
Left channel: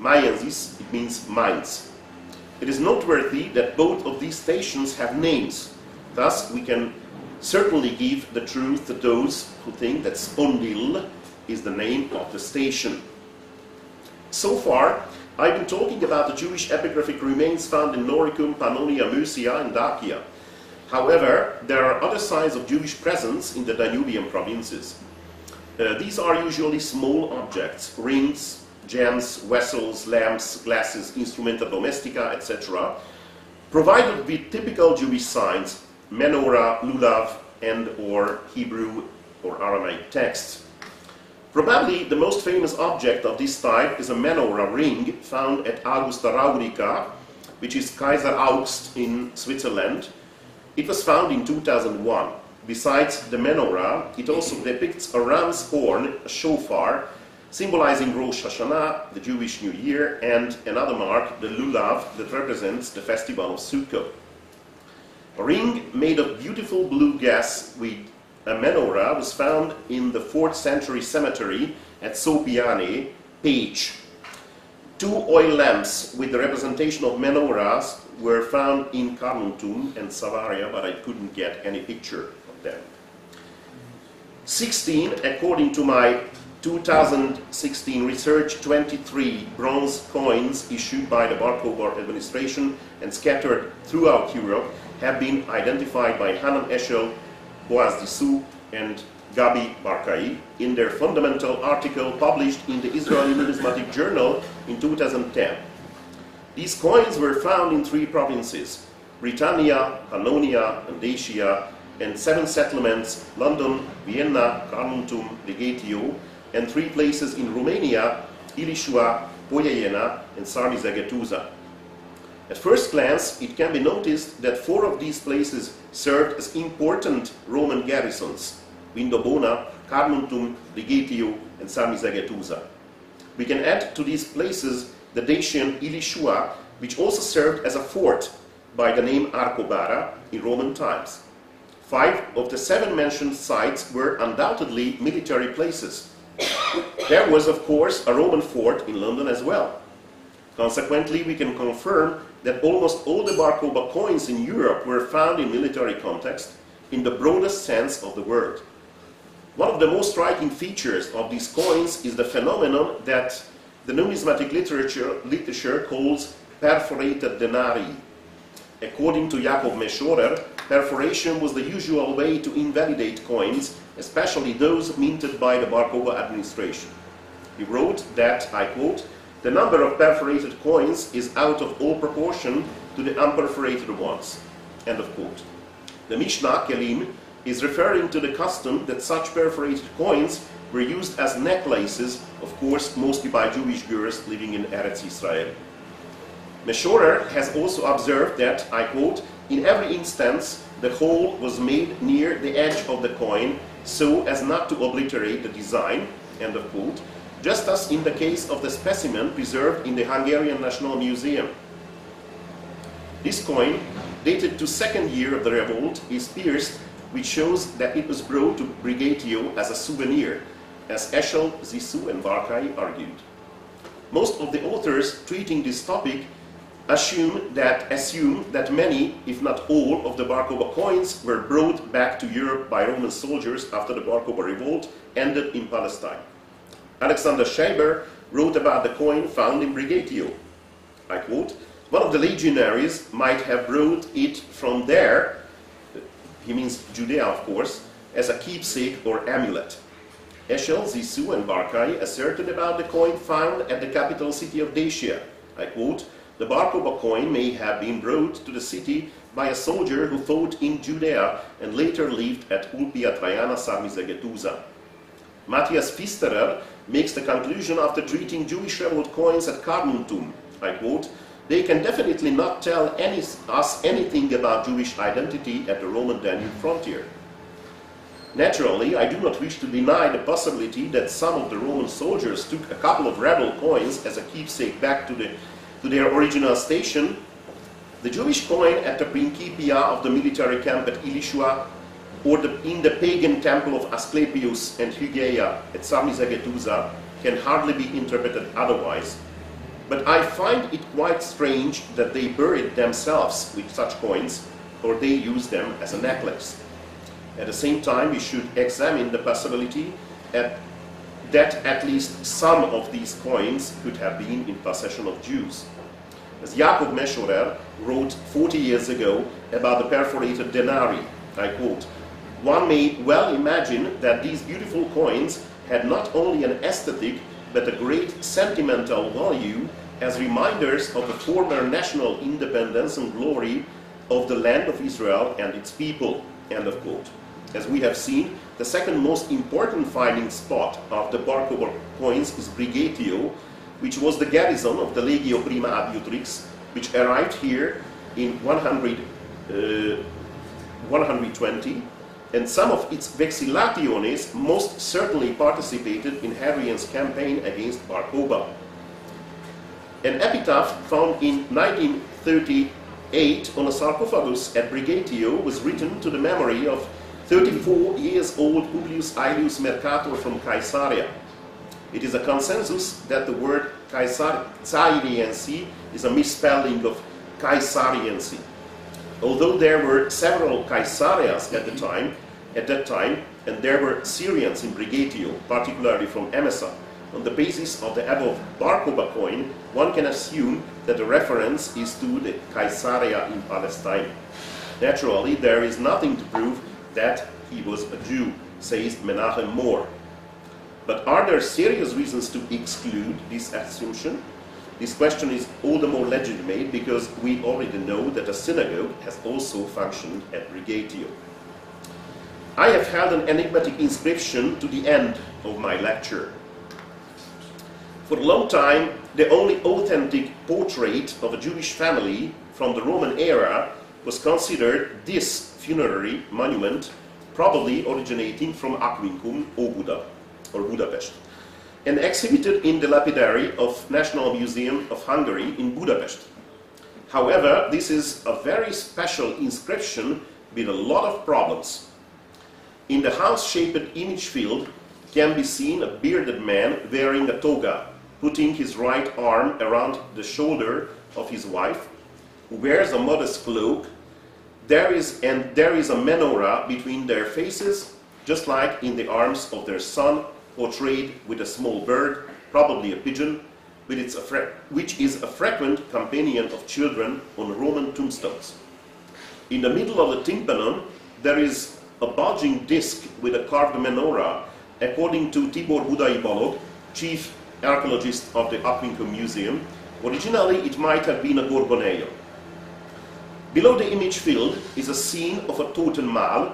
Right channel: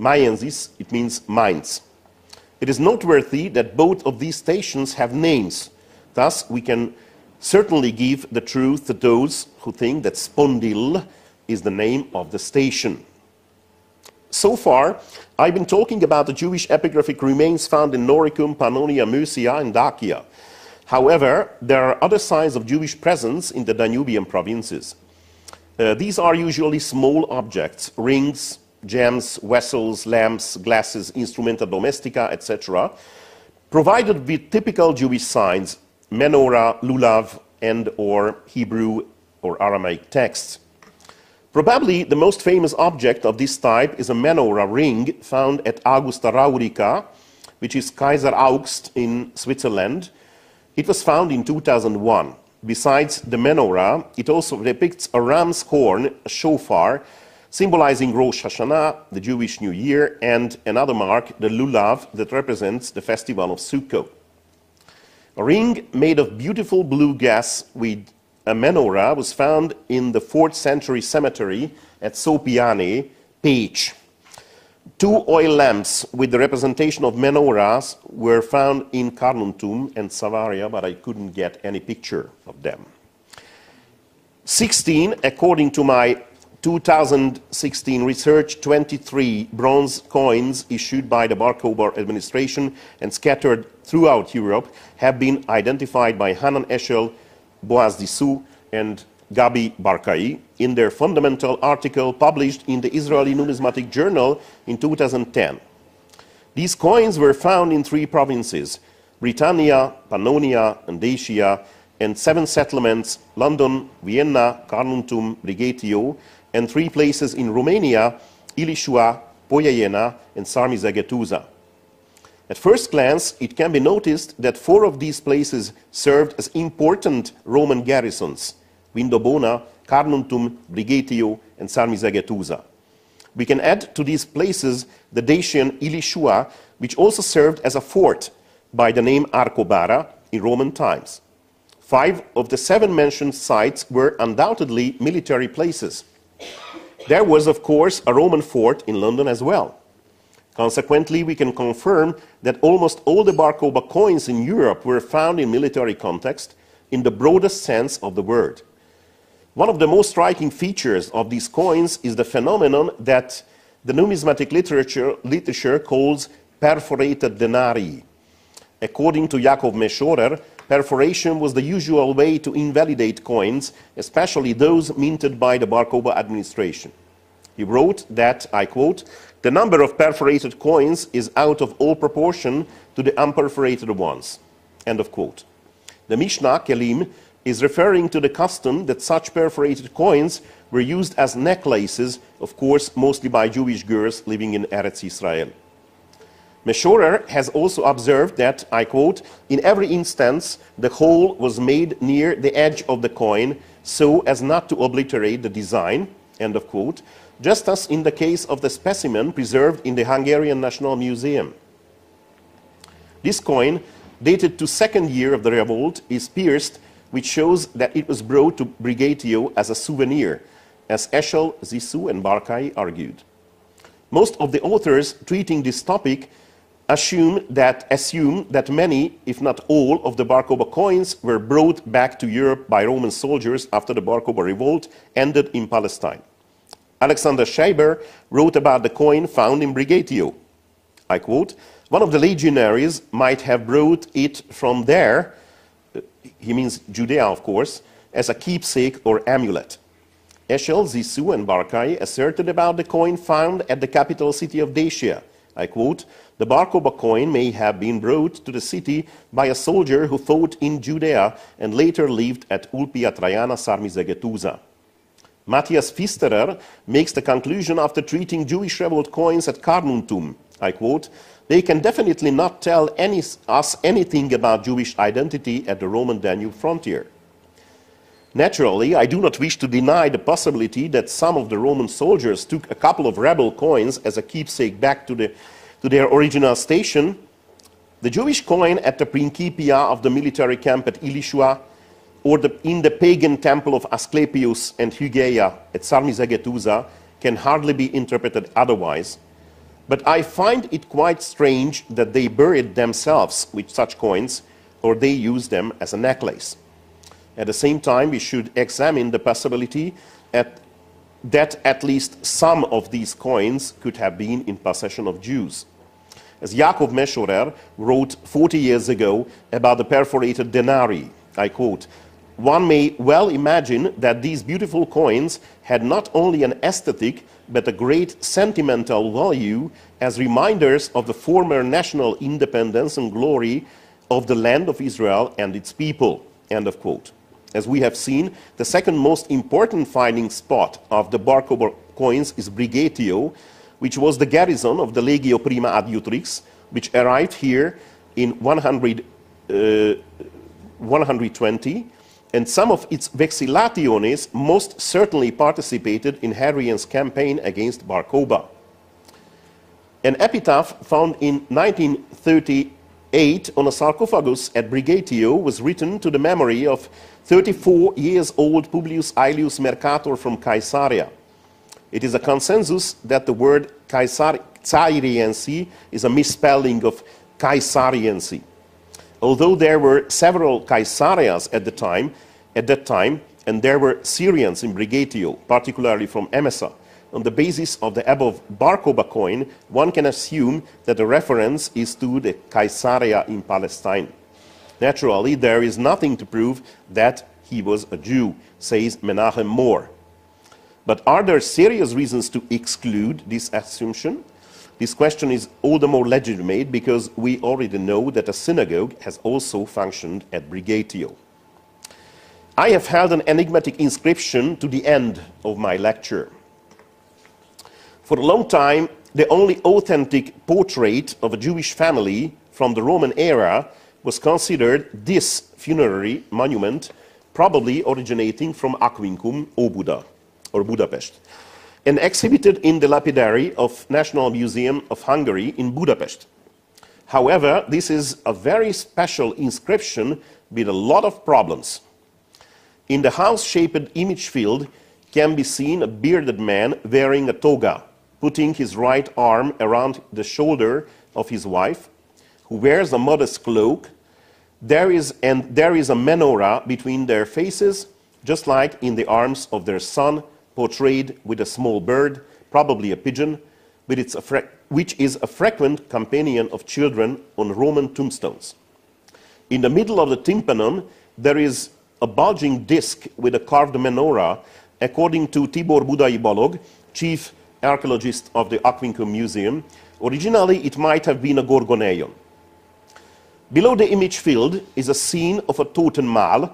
Maiensis, it means Mainz. It is noteworthy that both of these stations have names. Thus, we can certainly give the truth to those who think that Spondil is the name of the station. So far, I've been talking about the Jewish epigraphic remains found in Noricum, Pannonia, Mysia, and Dacia. However, there are other signs of Jewish presence in the Danubian provinces. These are usually small objects, rings, gems, vessels, lamps, glasses, instrumenta domestica, etc., provided with typical Jewish signs, menorah, lulav, and or Hebrew or Aramaic texts. Probably the most famous object of this type is a menorah ring found at Augusta Raurica, which is Kaiser Augst in Switzerland. It was found in 2001. Besides the menorah, it also depicts a ram's horn, a shofar, symbolizing Rosh Hashanah, the Jewish New Year, and another mark, the lulav, that represents the festival of Sukkot. A ring made of beautiful blue gas with a menorah was found in the 4th century cemetery at Sopiane, Page. Two oil lamps with the representation of menorahs were found in Carnuntum and Savaria, but I couldn't get any picture of them. 16, according to my 2016 research, 23 bronze coins issued by the Bar-Kokhba administration and scattered throughout Europe have been identified by Hanan Eshel, Boaz Dissou, and Gabi Barkai in their fundamental article published in the Israeli Numismatic Journal in 2010. These coins were found in 3 provinces, Britannia, Pannonia, and Dacia, and 7 settlements, London, Vienna, Carnuntum, Rigetio, and 3 places in Romania, Ilishua, Poiana, and Sarmizegetuza. At first glance, it can be noticed that 4 of these places served as important Roman garrisons, Vindobona, Carnuntum, Rigetio, and Sarmizegetuza. We can add to these places the Dacian Ilishua, which also served as a fort by the name Arcobara in Roman times. 5 of the 7 mentioned sites were undoubtedly military places. There was, of course, a Roman fort in London as well. Consequently, we can confirm that almost all the Bar-Kokhba coins in Europe were found in military context in the broadest sense of the word. One of the most striking features of these coins is the phenomenon that the numismatic literature calls perforated denarii. According to Jakob Meschorer, perforation was the usual way to invalidate coins, especially those minted by the Bar-Kokhba administration. He wrote that, I quote, "The number of perforated coins is out of all proportion to the unperforated ones." End of quote. The Mishnah, Kelim, is referring to the custom that such perforated coins were used as necklaces, of course, mostly by Jewish girls living in Eretz-Israel. Meschorer has also observed that, I quote, "In every instance, the hole was made near the edge of the coin so as not to obliterate the design," end of quote, just as in the case of the specimen preserved in the Hungarian National Museum. This coin, dated to 2nd year of the revolt, is pierced, which shows that it was brought to Brigatio as a souvenir, as Eshel, Zissou, and Barkai argued. Most of the authors treating this topic assume that many, if not all, of the Bar-Kokhba coins were brought back to Europe by Roman soldiers after the Bar-Kokhba revolt ended in Palestine. Alexander Scheiber wrote about the coin found in Brigatio. I quote, "One of the legionaries might have brought it from there," he means Judea, of course, "as a keepsake or amulet." Eshel, Zissou, and Barkai asserted about the coin found at the capital city of Dacia. I quote, "The Bar-Kokhba coin may have been brought to the city by a soldier who fought in Judea and later lived at Ulpia Traiana Sarmizegetuza." Matthias Pfisterer makes the conclusion after treating Jewish revolt coins at Carnuntum. I quote, "They can definitely not tell us anything about Jewish identity at the Roman Danube frontier." Naturally, I do not wish to deny the possibility that some of the Roman soldiers took a couple of rebel coins as a keepsake back to their original station. The Jewish coin at the Principia of the military camp at Ilishua, or in the pagan temple of Asclepius and Hygeia at Sarmizegetusa, can hardly be interpreted otherwise. But I find it quite strange that they buried themselves with such coins, or they used them as a necklace. At the same time, we should examine the possibility that at least some of these coins could have been in possession of Jews. As Jakob Meschorer wrote 40 years ago about the perforated denarii, I quote, "One may well imagine that these beautiful coins had not only an aesthetic but a great sentimental value as reminders of the former national independence and glory of the land of Israel and its people." End of quote. As we have seen, the second most important finding spot of the Bar-Kokhba coins is Brigatio, which was the garrison of the Legio Prima Adiutrix, which arrived here in 120, and some of its vexillationes most certainly participated in Hadrian's campaign against Bar-Kokhba. An epitaph found in 1938 on a sarcophagus at Brigatio was written to the memory of 34-year-old Publius Aelius Mercator from Caesarea. It is a consensus that the word Caesariensi is a misspelling of Caesariensi. Although there were several Caesarias at that time, and there were Syrians in Brigatio, particularly from Emesa, on the basis of the above Bar-Kokhba coin, one can assume that the reference is to the Caesarea in Palestine. Naturally, there is nothing to prove that he was a Jew, says Menachem More. But are there serious reasons to exclude this assumption? This question is all the more legitimate because we already know that a synagogue has also functioned at Brigatio. I have held an enigmatic inscription to the end of my lecture. For a long time, the only authentic portrait of a Jewish family from the Roman era was considered this funerary monument, probably originating from Aquincum or Budapest, and exhibited in the lapidary of National Museum of Hungary in Budapest. However, this is a very special inscription with a lot of problems. In the house-shaped image field can be seen a bearded man wearing a toga, putting his right arm around the shoulder of his wife, who wears a modest cloak. There is a menorah between their faces, just like in the arms of their son, portrayed with a small bird, probably a pigeon, which is a frequent companion of children on Roman tombstones. In the middle of the tympanon, there is a bulging disc with a carved menorah, according to Tibor Budai Balog, chief archaeologist of the Aquincum Museum. Originally, it might have been a gorgoneion. Below the image field is a scene of a Totenmahl,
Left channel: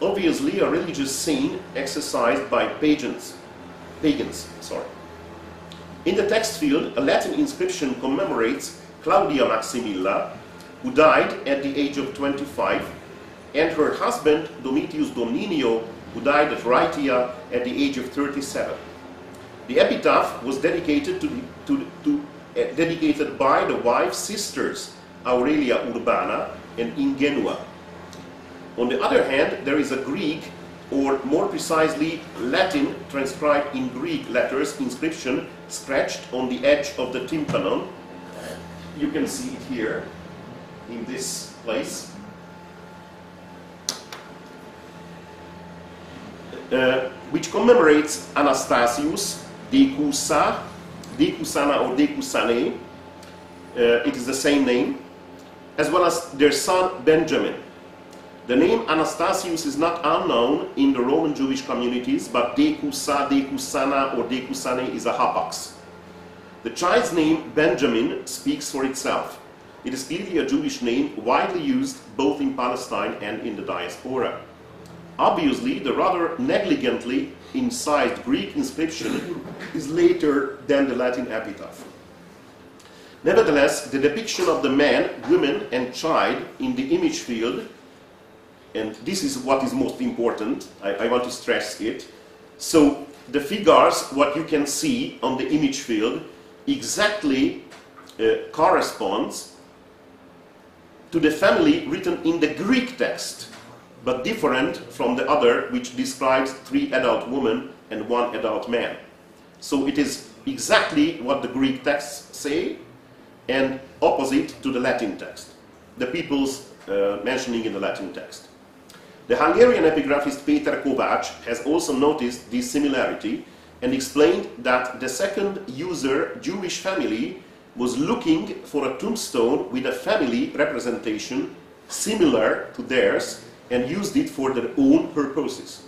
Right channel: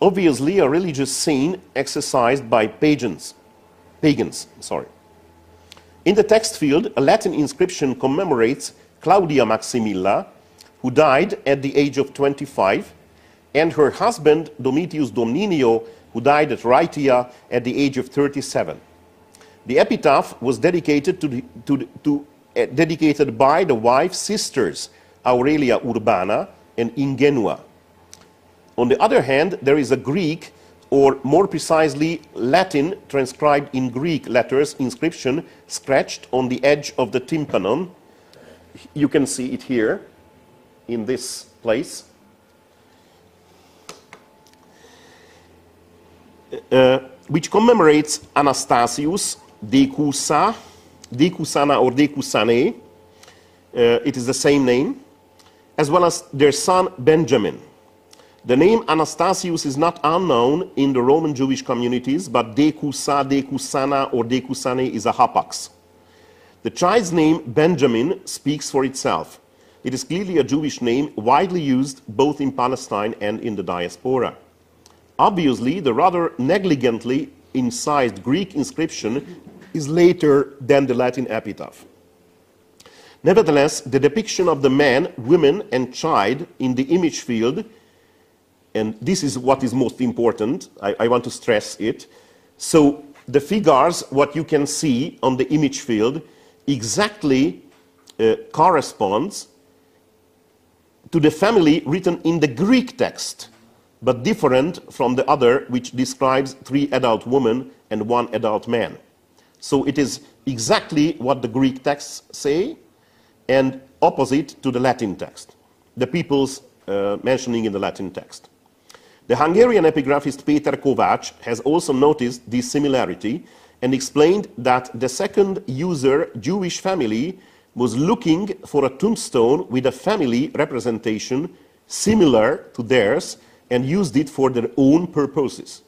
obviously a religious scene exercised by pagans. In the text field, a Latin inscription commemorates Claudia Maximilla, who died at the age of 25, and her husband Domitius Domninio, who died at Rhaetia at the age of 37. The epitaph was dedicated dedicated by the wife's sisters, Aurelia Urbana and Ingenua. On the other hand, there is a Greek, or more precisely Latin, transcribed in Greek letters inscription scratched on the edge of the tympanon. You can see it here, in this place. Which commemorates Anastasius, Decusana or Decusane, it is the same name, as well as their son Benjamin. The name Anastasius is not unknown in the Roman Jewish communities, but Decusa, Decusana, or Decusane is a hapax. The child's name Benjamin speaks for itself. It is clearly a Jewish name widely used both in Palestine and in the diaspora. Obviously, the rather negligently incised Greek inscription is later than the Latin epitaph. Nevertheless, the depiction of the man, woman, and child in the image field and this is what is most important, I want to stress it. So the figures, what you can see on the image field, exactly corresponds to the family written in the Greek text, but different from the other, which describes 3 adult women and 1 adult man. So it is exactly what the Greek texts say, and opposite to the Latin text, the peoples mentioning in the Latin text. The Hungarian epigraphist Péter Kovács has also noticed this similarity and explained that the second user Jewish family was looking for a tombstone with a family representation similar to theirs and used it for their own purposes.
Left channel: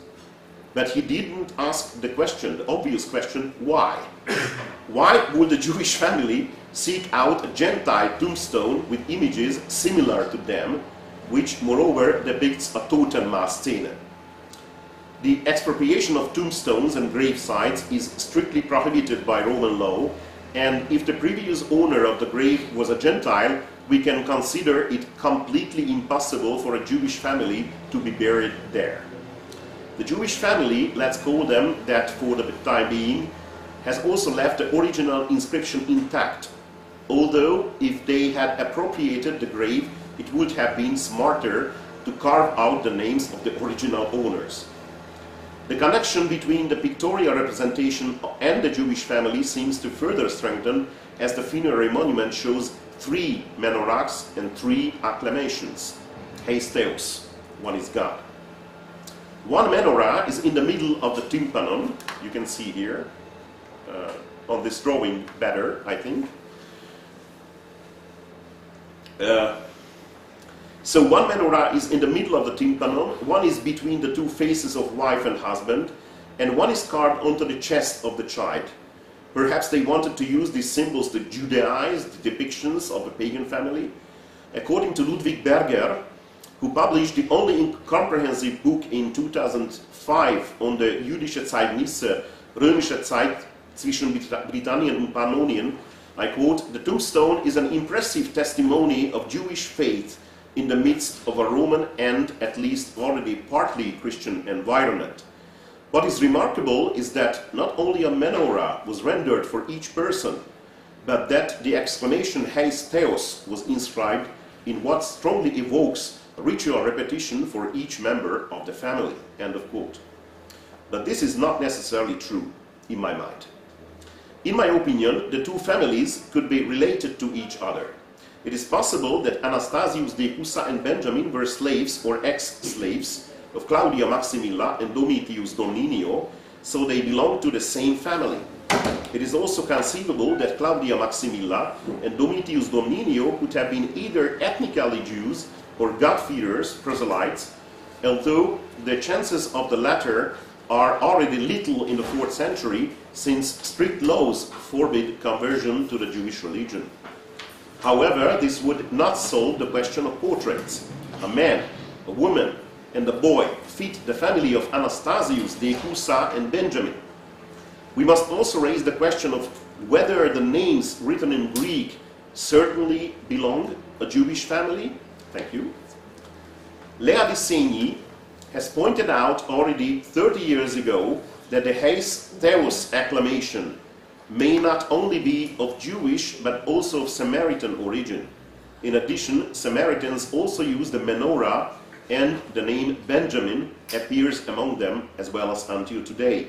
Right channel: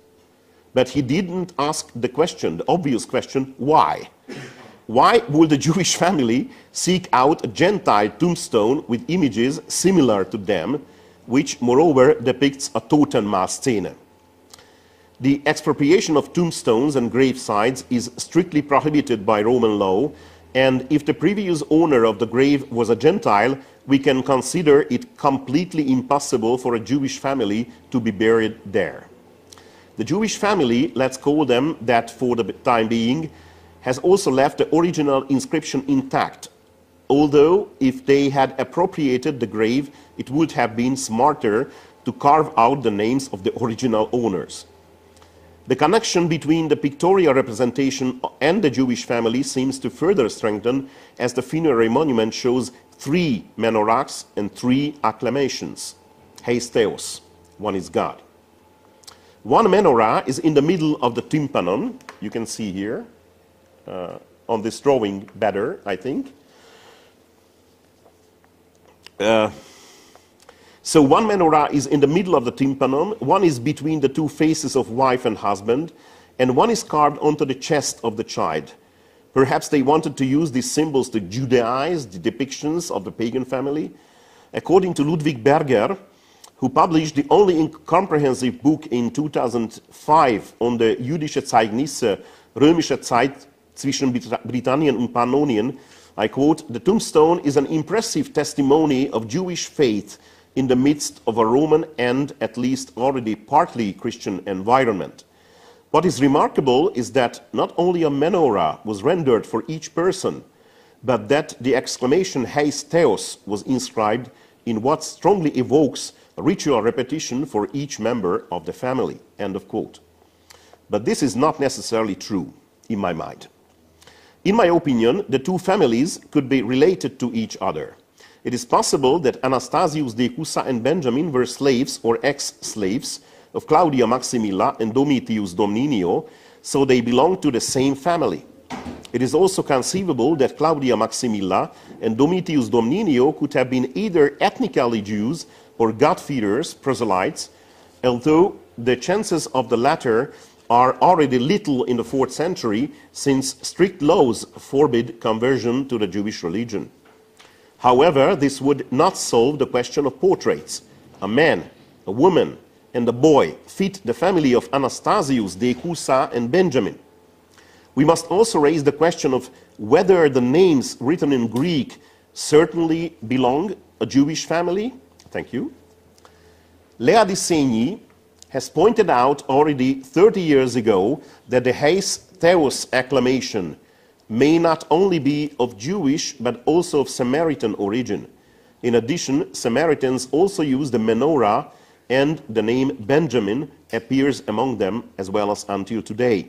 But he didn't ask the question, the obvious question, why? Why would the Jewish family seek out a Gentile tombstone with images similar to them, which moreover depicts a Totenmaß scene? The expropriation of tombstones and gravesites is strictly prohibited by Roman law, and if the previous owner of the grave was a Gentile, we can consider it completely impossible for a Jewish family to be buried there. The Jewish family, let's call them that for the time being, has also left the original inscription intact, although if they had appropriated the grave, it would have been smarter to carve out the names of the original owners. The connection between the pictorial representation and the Jewish family seems to further strengthen as the funerary monument shows 3 menorahs and 3 acclamations. Heisteos, one is God. One menorah is in the middle of the tympanon, you can see here, on this drawing better, I think. So one menorah is in the middle of the tympanon, one is between the 2 faces of wife and husband, and one is carved onto the chest of the child. Perhaps they wanted to use these symbols to Judaize the depictions of the pagan family. According to Ludwig Berger, who published the only comprehensive book in 2005 on the jüdische Zeugnisse, römische Zeit zwischen Britannien und Pannonien, I quote, "The tombstone is an impressive testimony of Jewish faith in the midst of a Roman and at least already partly Christian environment. What is remarkable is that not only a menorah was rendered for each person, but that the exclamation Heisteos was inscribed in what strongly evokes a ritual repetition for each member of the family." End of quote. But this is not necessarily true, in my mind. In my opinion, the 2 families could be related to each other. It is possible that Anastasius de Husa and Benjamin were slaves or ex-slaves of Claudia Maximilla and Domitius Domninio, so they belonged to the same family. It is also conceivable that Claudia Maximilla and Domitius Domninio could have been either ethnically Jews or God-fearers, proselytes, although the chances of the latter are already little in the 4th century, since strict laws forbid conversion to the Jewish religion. However, this would not solve the question of portraits. A man, a woman, and a boy fit the family of Anastasius, de Husa, and Benjamin. We must also raise the question of whether the names written in Greek certainly belong a Jewish family. Thank you. Lea Di Segni has pointed out already 30 years ago that the Heisteos acclamation may not only be of Jewish but also of Samaritan origin. In addition, Samaritans also use the menorah, and the name Benjamin appears among them as well as until today.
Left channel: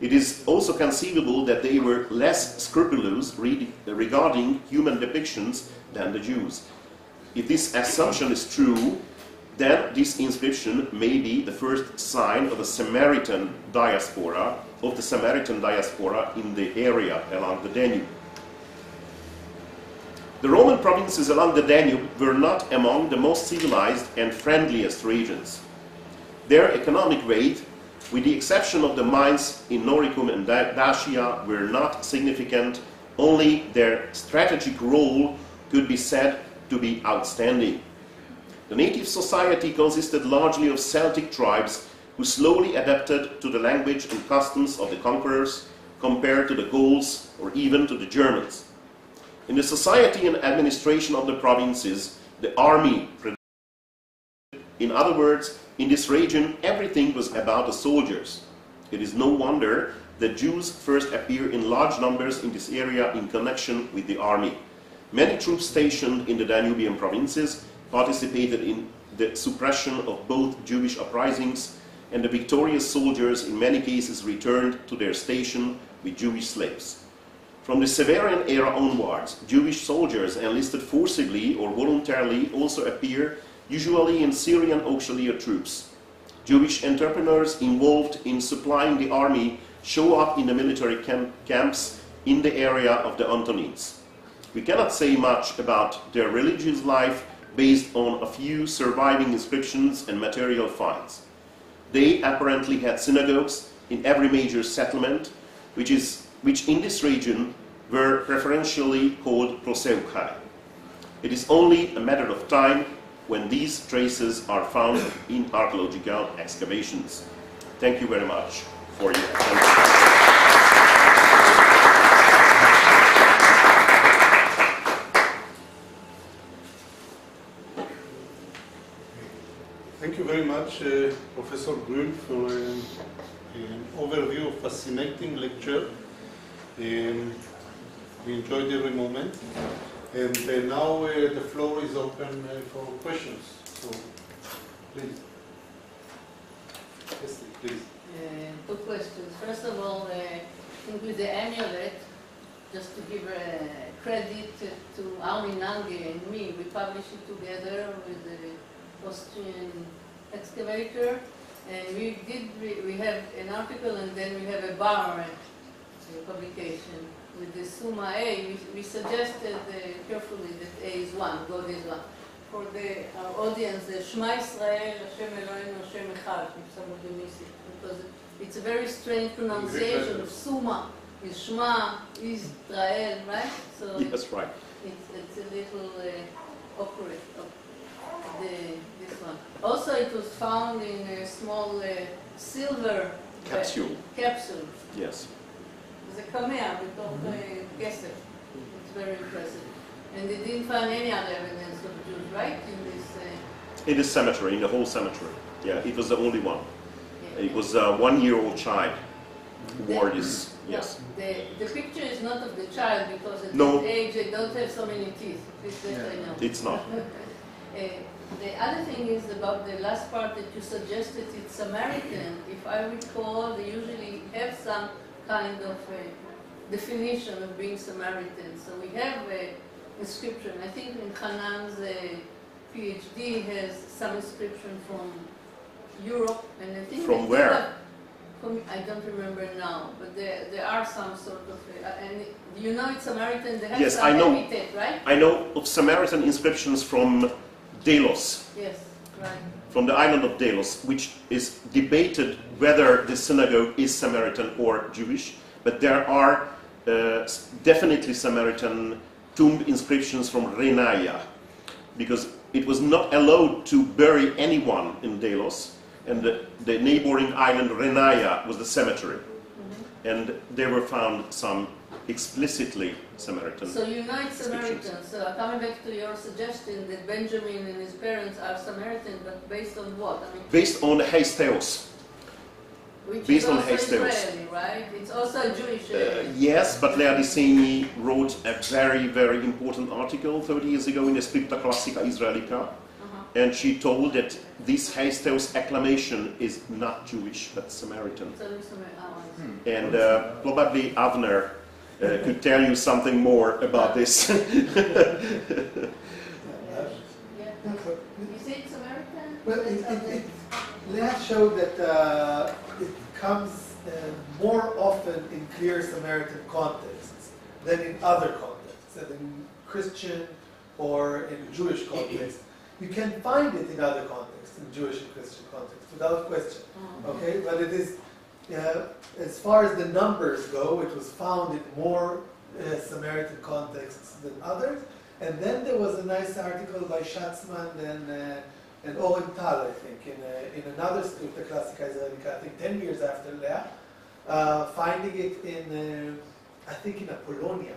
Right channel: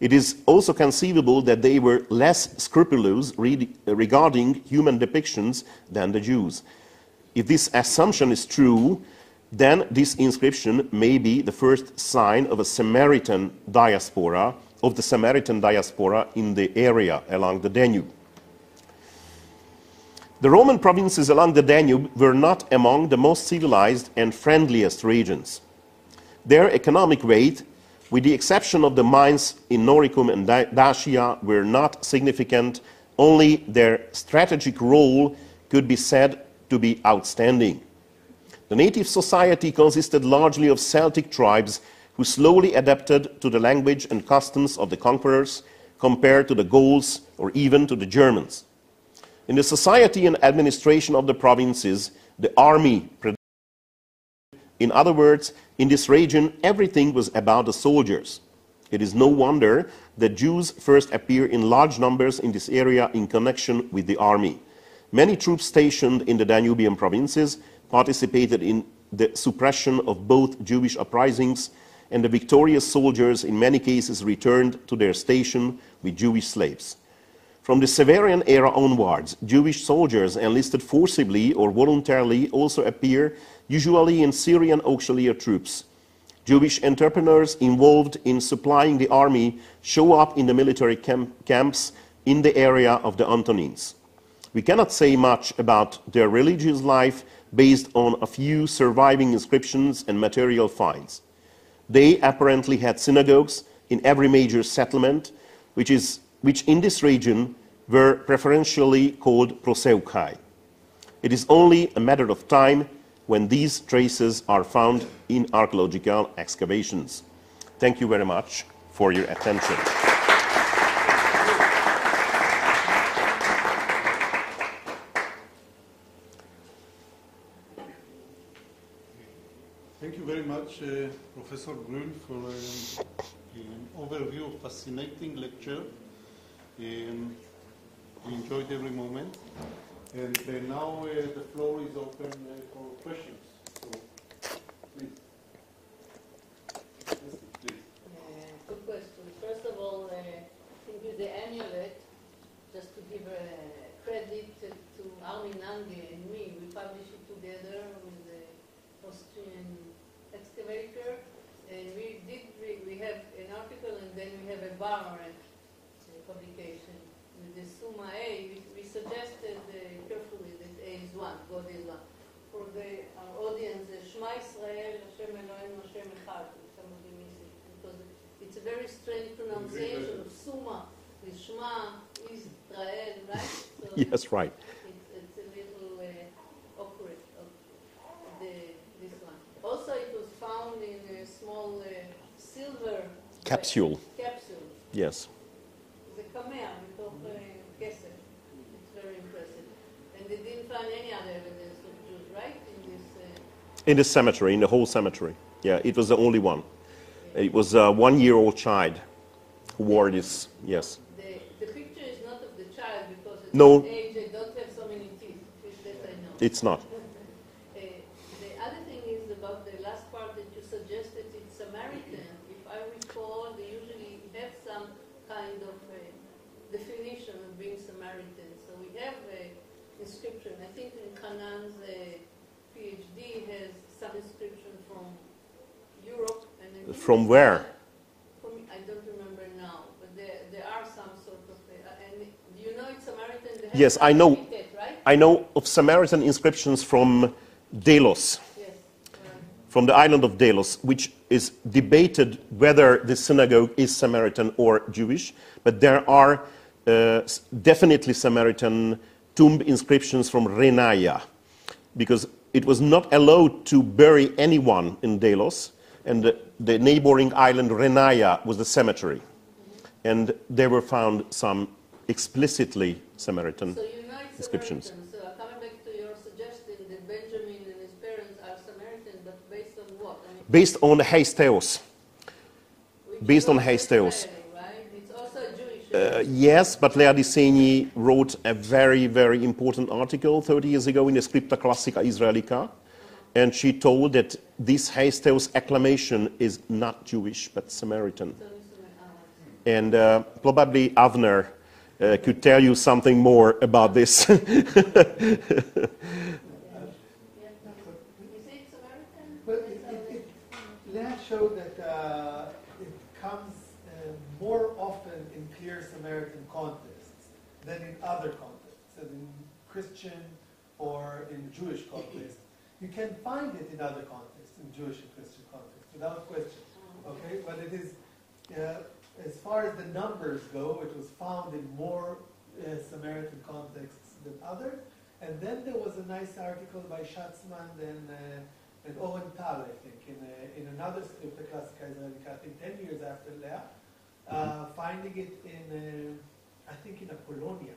It is also conceivable that they were less scrupulous regarding human depictions than the Jews. If this assumption is true, then this inscription may be the first sign of a Samaritan diaspora, in the area along the Danube. The Roman provinces along the Danube were not among the most civilized and friendliest regions. Their economic weight, with the exception of the mines in Noricum and Dacia, were not significant. Only their strategic role could be said to be outstanding. The native society consisted largely of Celtic tribes who slowly adapted to the language and customs of the conquerors compared to the Gauls or even to the Germans. In the society and administration of the provinces, the army In other words, in this region, everything was about the soldiers. It is no wonder that Jews first appear in large numbers in this area in connection with the army. Many troops stationed in the Danubian provinces participated in the suppression of both Jewish uprisings, and the victorious soldiers in many cases returned to their station with Jewish slaves. From the Severian era onwards, Jewish soldiers enlisted forcibly or voluntarily also appear, usually in Syrian auxiliary troops. Jewish entrepreneurs involved in supplying the army show up in the military camps in the area of the Antonines. We cannot say much about their religious life based on a few surviving inscriptions and material finds. They apparently had synagogues in every major settlement, which in this region were preferentially called proseuchai. It is only a matter of time when these traces are found in archaeological excavations. Thank you very much for your attention. Thank you very much, Professor Grüll, for an overview of fascinating lecture. We enjoyed every moment. And now the floor is open for questions. So, please. Yes, please. Two questions. First of all, I think with the amulet, just to give credit to Armin Nange and me, we published it together with the Austrian excavator, and we have an article and then we have a bar publication with the Summa A. We suggested carefully that A is 1, God is 1. For the audience, the Shema Israel, Hashem Eloheinu, Hashem Echad, if somebody miss it, because it's a very strange pronunciation of Summa. Is Shema, Israel, right? So yes, right. It's a little awkward. This one. Also, it was found in a small silver capsule. Capsule. Yes. It's a kamea בתוך כסף. It's very impressive. And they didn't find any other evidence of Jews, right? In this cemetery, in the whole cemetery. Yeah, it was the only one. Yeah. It was a 1-year-old child who wore this. Yes. The picture is not of the child because at no. this age they don't have so many teeth. I know. It's not. The other thing is about the last part that you suggested, it's Samaritan. If I recall, they usually have some kind of definition of being Samaritan. So we have an inscription. I think in Hanan's PhD has some inscription from Europe. And I think from where? I don't remember now, but there are some sort of, and you know it's Samaritan, they have yes, some I know. epithet, right? I know of Samaritan inscriptions from Delos. Yes, right. From the island of Delos, which is debated whether the synagogue is Samaritan or Jewish, but there are definitely Samaritan tomb inscriptions from Renaya, because it was not allowed to bury anyone in Delos, and the neighboring island Renaya was the cemetery. Mm-hmm. And there were found some explicitly Samaritan So you know it's inscriptions. Samaritan. So coming back to your suggestion that Benjamin and his parents are Samaritan, but based on what? I mean, based on Heisteos. Based on Heisteos. Right? It's also a Jewish. Yes, but Lea Disseny wrote a very, very important article 30 years ago in the Scripta Classica Israelica. And she told that this Heisteos acclamation is not Jewish, but Samaritan. And probably Avner could tell you something more about this. You say it's American? Well, Leah showed that it comes more often in clear Samaritan contexts than in other contexts, than in Christian or in Jewish contexts. You can find it in other contexts, in Jewish and Christian contexts, without question. Okay, but it is, as far as the numbers go, it was found in more Samaritan contexts than others. And then there was a nice article by Schatzman and Orenthal, I think, in another Scripta Classica Israelica, I think 10 years after Leah, finding it in, I think, in Apollonia,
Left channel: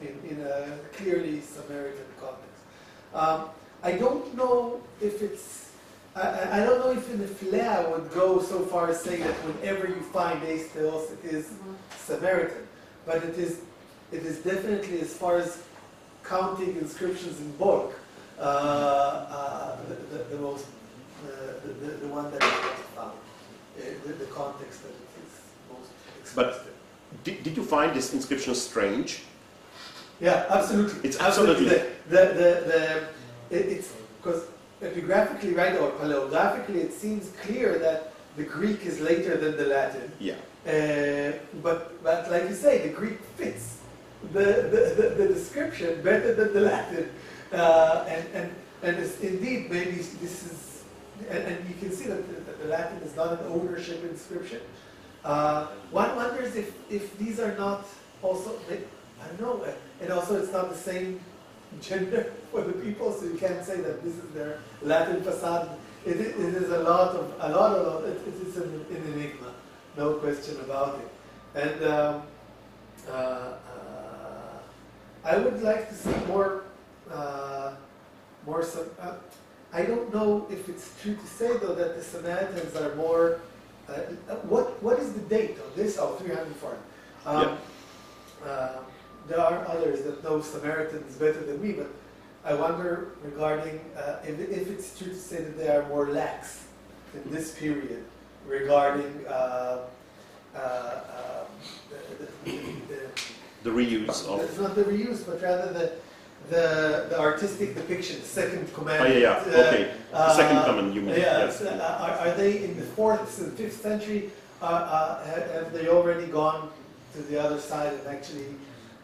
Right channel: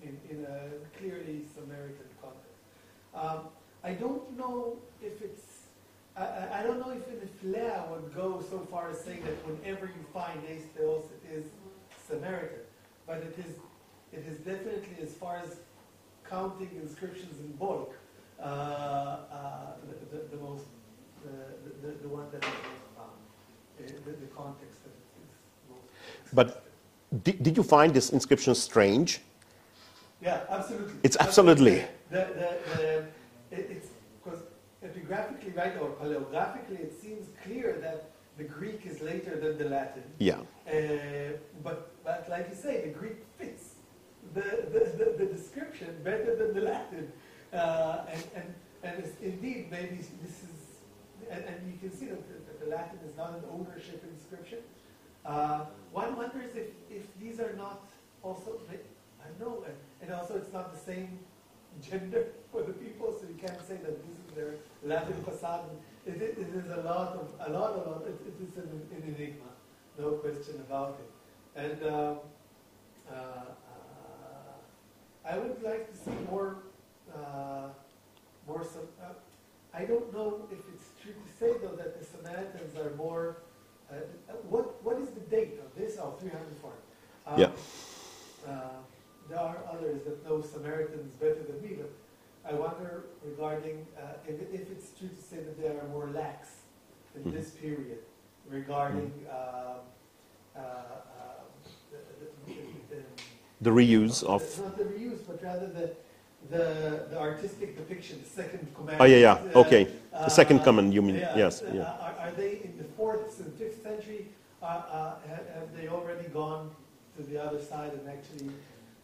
in a clearly Samaritan context. I don't know if it's I don't know if the Flea would go so far as saying that whenever you find Eis Theos, it is Samaritan, but it is definitely, as far as counting inscriptions in bulk, the one that is most found, the context that it is most expressed. But did you find this inscription strange? Yeah, absolutely. It's absolutely. It's because epigraphically, right, or paleographically, it seems clear that the Greek is later than the Latin. Yeah. But like you say, the Greek fits the description better than the Latin. And it's indeed, maybe this is, and you can see that the Latin is not an ownership inscription. One wonders if these are not also, I don't know, and also it's not the same gender for the people, so you can't say that this is their Latin facade. It is a lot, it is an enigma, no question about it. And I would like to see more I don't know if it's true to say, though, that the Samaritans are more, what is the date of this? Oh, 304. There are others that know Samaritans better than me, but I wonder regarding if it's true to say that they are more lax in this period regarding the reuse of... It's not the reuse, but rather the artistic depiction, the second command. Oh, yeah, okay. The second command, you mean, yes. Are they in the 4th and 5th century? Have they already gone to the other side and actually...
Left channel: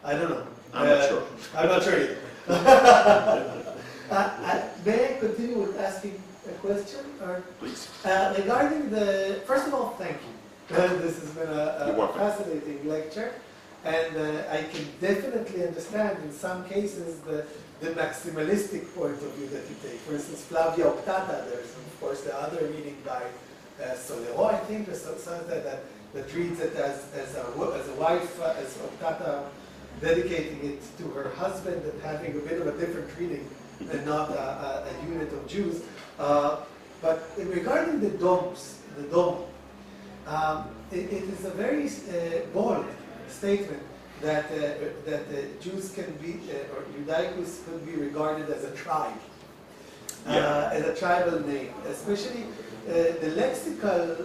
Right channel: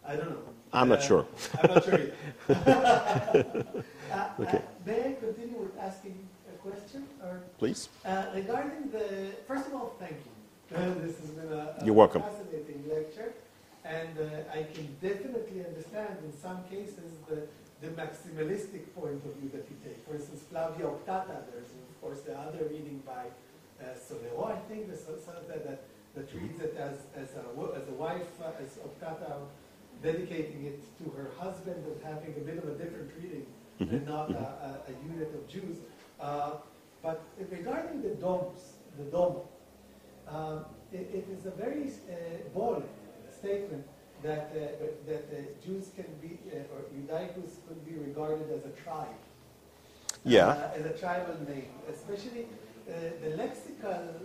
I don't know. I'm not sure. I'm not sure either. May I continue with asking a question? Or, please. Regarding first of all, thank you. This has been a fascinating lecture. And I can definitely understand in some cases the maximalistic point of view that you take. For instance, Flavia Optata, there's of course the other reading by Solero, I think, or something that treats it as a wife, as Optata, dedicating it to her husband and having a bit of a different reading and not a unit of Jews. But regarding the domus, it is a very bold statement that Jews can be, or Judaicus could be regarded as a tribe, as a tribal name. Especially the lexical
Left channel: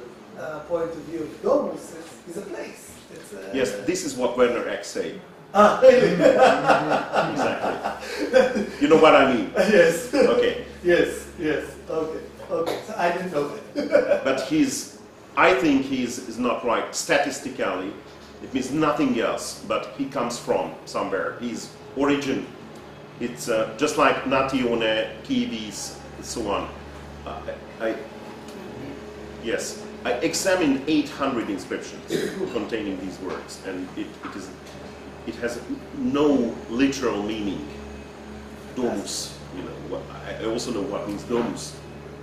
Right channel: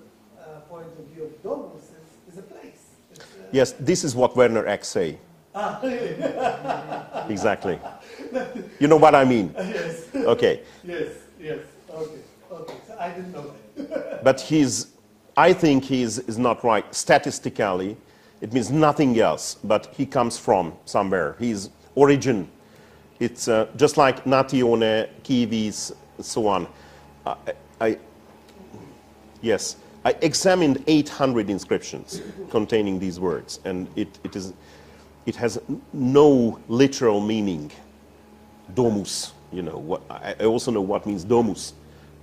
point of view of domus is a place. Yes, this is what Werner Eck say. Exactly. You know what I mean? Yes. Okay. Yes. Okay. So I didn't know that. But I think is not right. Statistically, it means nothing else, but he comes from somewhere. His origin, it's just like Natione, Kiwis, so on. I examined 800 inscriptions containing these words, and it has no literal meaning. Domus, you know. I also know what means domus.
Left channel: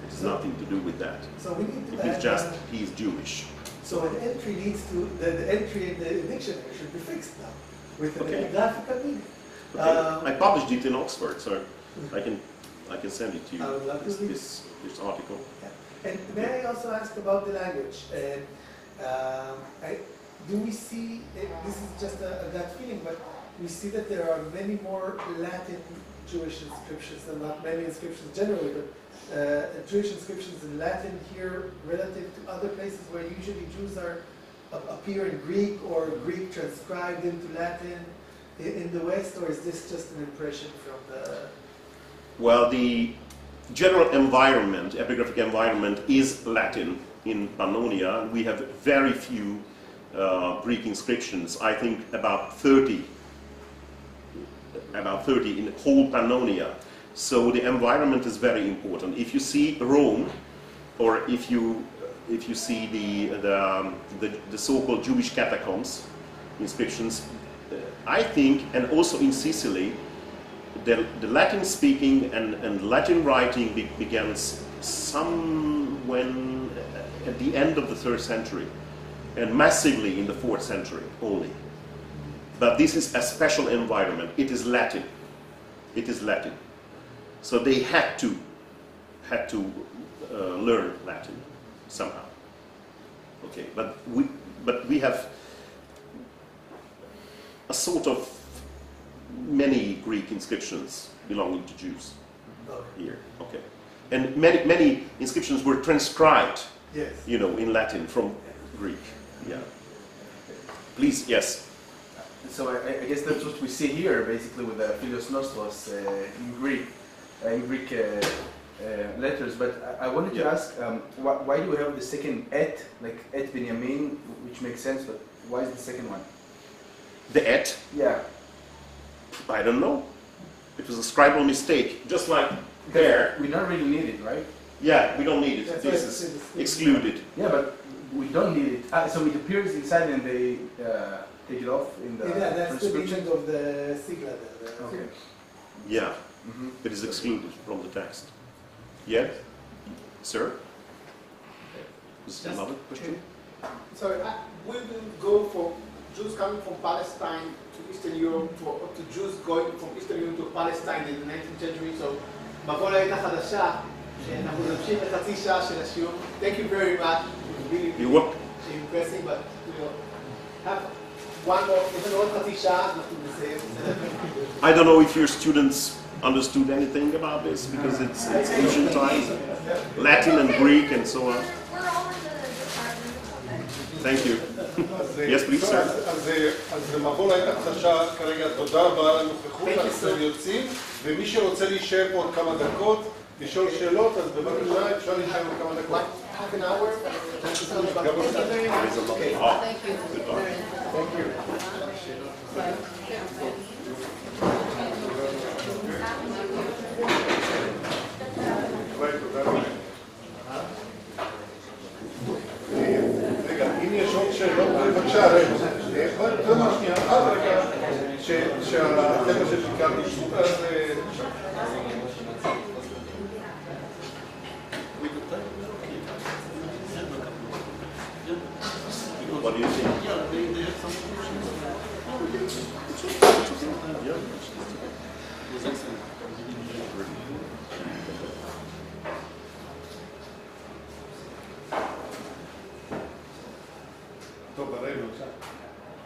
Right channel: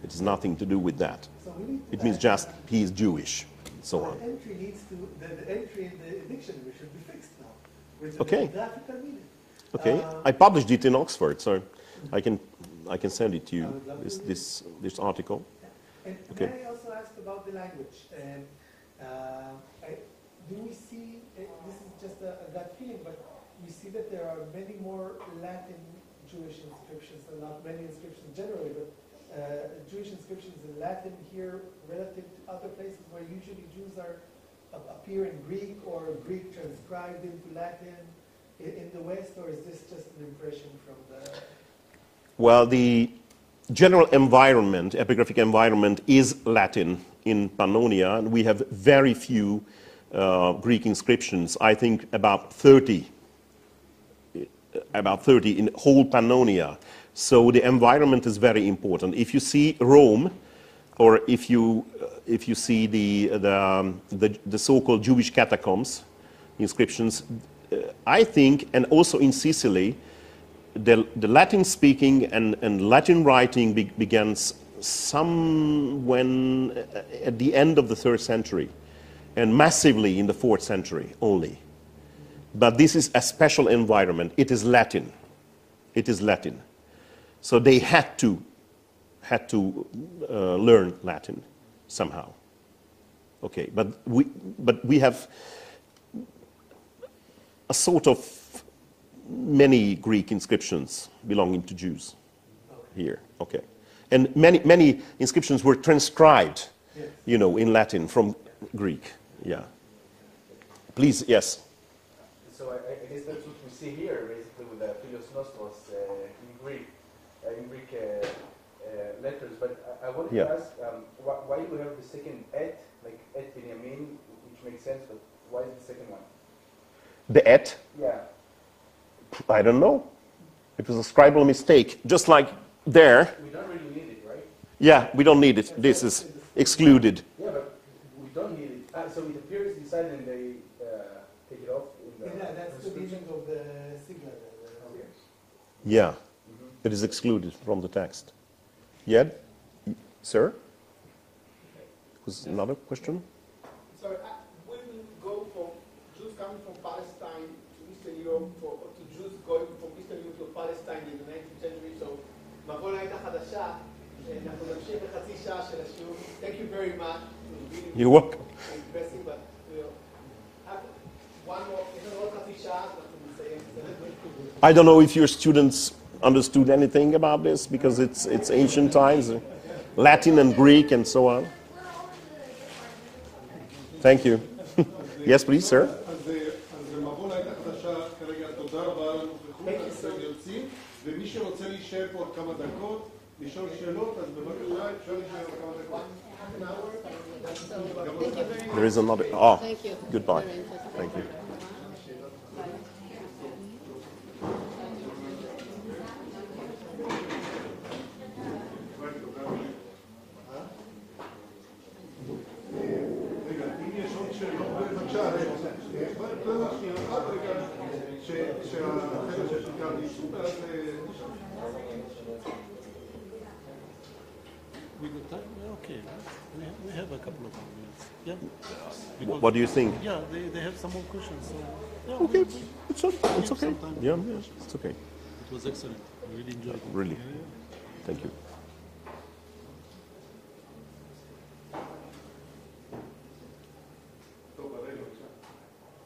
It has nothing to do with that. So we need to it means just he is Jewish. So an entry needs to, the entry in the dictionary should be fixed now with an epigraphical meaning. Okay. I published it in Oxford, so I can send it to you. This article. Yeah. And may I also ask about the language? Do we see, this is just a gut feeling, but we see that there are many more Latin Jewish inscriptions, and not many inscriptions generally, but Jewish inscriptions in Latin here relative to other places where usually Jews appear in Greek or Greek transcribed into Latin in the West, or is this just an impression from the... Well, the general environment, epigraphic environment, is Latin in Pannonia. We have very few Greek inscriptions. I think about 30 in whole Pannonia. So the environment is very important. If you see Rome, or if you see the so-called Jewish catacombs inscriptions, I think, and also in Sicily, the Latin speaking and Latin writing begins when at the end of the 3rd century, and massively in the 4th century only. But this is a special environment. It is Latin. It is Latin. So they had to had to learn Latin somehow. Okay, but we have a sort of many Greek inscriptions belonging to Jews here. Okay, and many inscriptions were transcribed, Yes. you know, in Latin from Greek. Yeah. Please, yes. So I guess that's what we see here, basically, with the Philios Nostros in Greek letters. But I wanted to ask, why do we have the second et, like et Binyamin, which makes sense, but why is the second one? The et? Yeah. I don't know. It was a scribal mistake, just like there. We don't really need it, right? Yeah, we don't need it. This is excluded. Yeah, but we don't need it. So it appears inside and they take it off in the Yeah, that's the transcription. meaning of the sigla. Okay. Yeah, it is excluded from the text. Yeah, sir? Is another question? Sorry, we will go for Jews coming from Palestine to Eastern Europe, to Jews going from Eastern Europe to Palestine in the 19th century. So, בכל העת החדשה, שאנחנו נמשיך לחצי שעה של השיעור. Thank you very much. Really You work? impressive, but we'll have one more. יש לנו עוד חצי שעה, אנחנו נסיים. I don't know if your students understood anything about this because it's ancient times, Latin and Greek and so on. Thank you. Yes, please, sir. אז מבוא לעת החדשה כרגע, תודה רבה על הנוכחות, אנחנו יוצאים, ומי שרוצה להישאר פה עוד כמה דקות, לשאול שאלות, אז בבקשה אפשר להישאר עוד כמה דקות. Half an hour. There is another. Oh, goodbye. רגע, אם יש עוד שאלות, בבקשה, רגע, תודה שנייה, עד רגע שהחבר'ה ששיקרתי שוב, אז... What do you think? Yeah, they have some questions. Okay, it's okay. It's okay. Yeah, it's okay. It was excellent. Really. Thank you.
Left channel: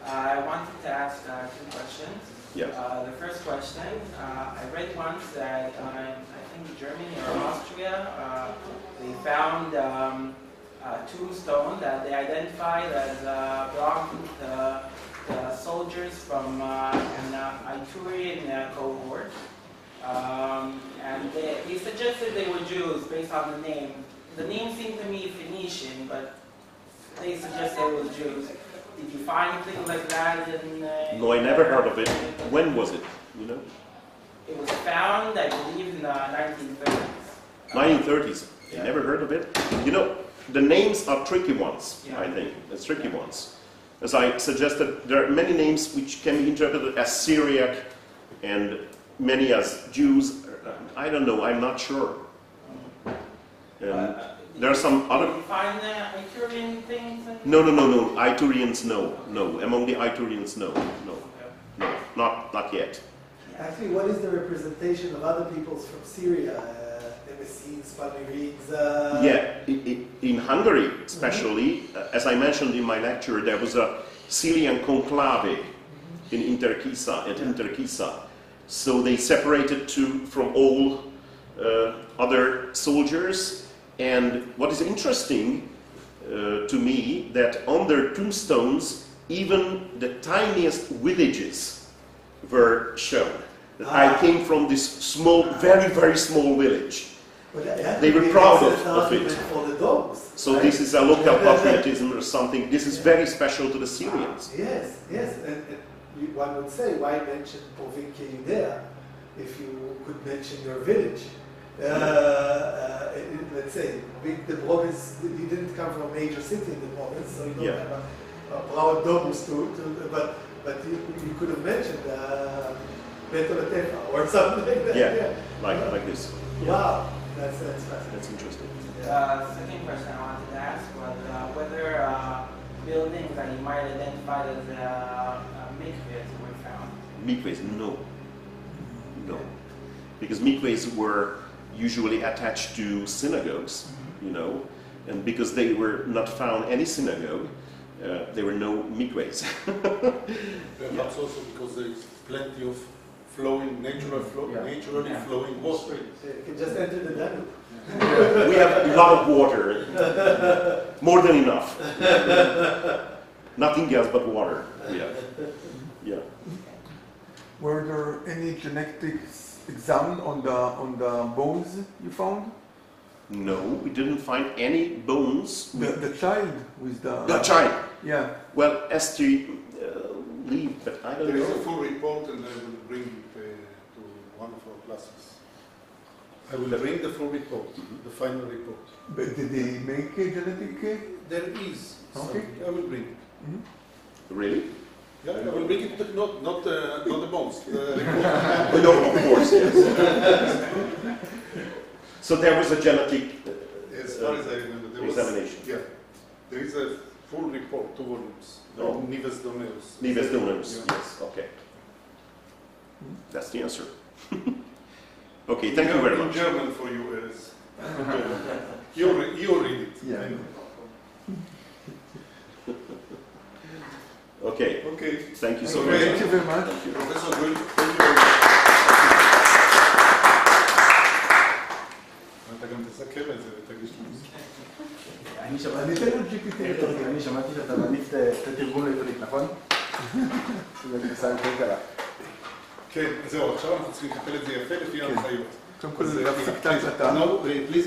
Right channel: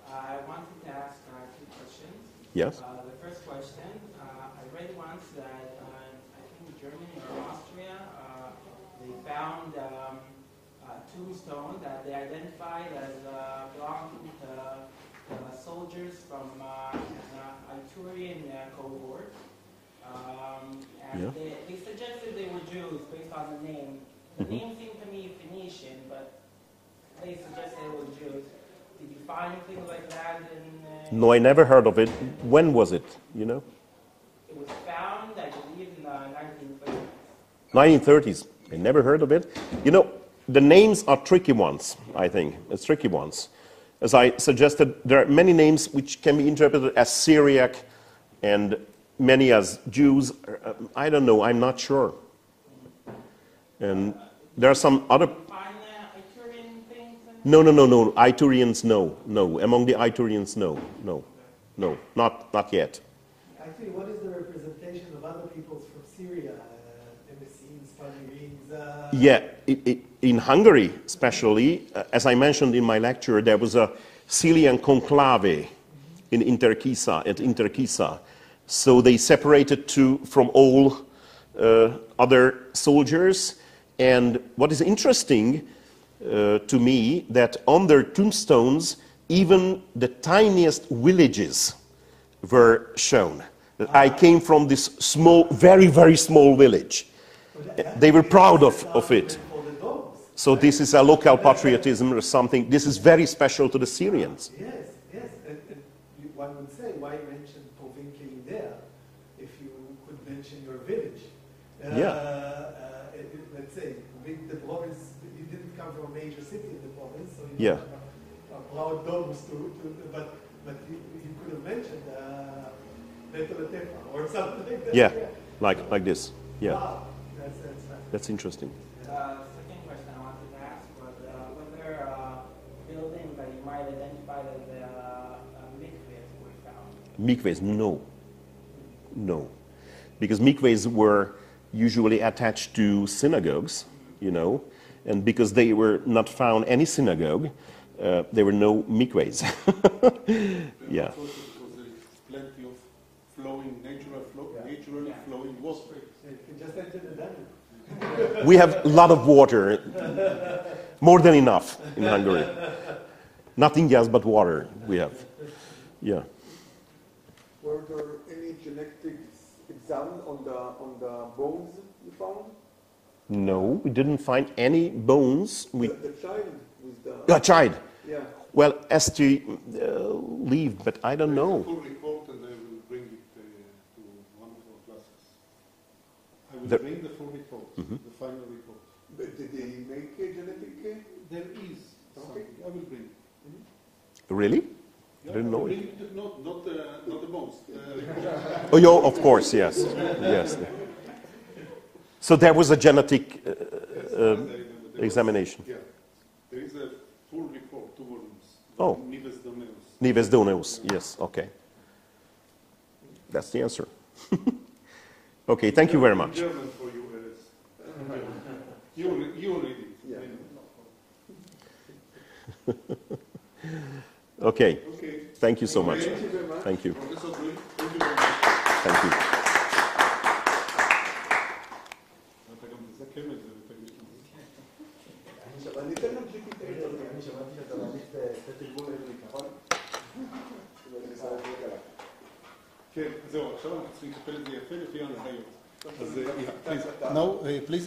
I wanted to ask two questions. Yes. The first question, I read once that I think Germany or Austria, they found a tombstone that they identified as belonging to soldiers from an Iturian cohort. And they suggested they were Jews based on the name. The name seemed to me Phoenician, but they suggested they were Jews. Did you find things like that in... No, I never heard of it. When was it, you know? It was found, I believe, in the 1930s. 1930s. I never heard of it. You know, the names are tricky ones, I think. It's tricky ones. As I suggested, there are many names which can be interpreted as Syriac and many as Jews. I don't know, I'm not sure. And there are some other... Did you find the Iturian things? No. Iturians, no. Among the Iturians, no. Not yet. Actually, what is the representation of other peoples from Syria? Messines, Palmyrides? Yeah, in Hungary, especially, as I mentioned in my lecture, there was a Syrian conclave in Interkisa. So they separated from all other soldiers. And what is interesting to me, that on their tombstones, even the tiniest villages were shown. That I came from this small, very, very small village. They were proud of it. So this is a local patriotism or something. This is very special to the Syrians. Yes. And one would say, why mention Provincie Judea if you could mention your village? Let's say, the province, he didn't come from a major city in the province, so you don't have a proud domus but you could have mentioned Betoletefa or something like that. Yeah, like this. Yeah. Wow, that's fascinating. That's interesting. Second question I wanted to ask was whether buildings that you might identify as mikvahs were found. Mikvahs, no. Because mikvahs were usually attached to synagogues, you know, and because they were not found any synagogue, there were no mikvahs. Yeah. Also because there is plenty of flowing, naturally flowing water. You can just enter the Danube. We have a lot of water, more than enough. Nothing else but water we have. Yeah. Were there any genetics examined on the bones you found? No, we didn't find any bones. The child with the... The child? Yeah. Well, Esther lived, but I don't know. There is a full report and I will bring it to one of our classes. I will bring the full report, the final report. But did they make a genetic... There is something. I will bring it. Really? Yeah, I will bring it, not the bones. Oh, yeah, of course, yes. Yes. So there was a genetic as far as I remember, examination. Yeah, there is a full report, 2 volumes. Oh. Nives Doneus. Nives Doneus, yes, okay. That's the answer. Okay, thank you very much. German for you as you read it. Yeah. Okay. Okay. Thank you so much. Thank you very much. Thank you. Professor Grüll, thank you very much. Thank you. אתה גם תסכם את זה ותגיש לנו. אני שמעתי שאתה מעדיף את התרגום לעברית, נכון? זה גרסה יותר קלה. כן, זהו, עכשיו אנחנו צריכים לקפל את זה יפה לפי ההנחיות. קודם כל זה להפסיק את ההקלטה. No, please.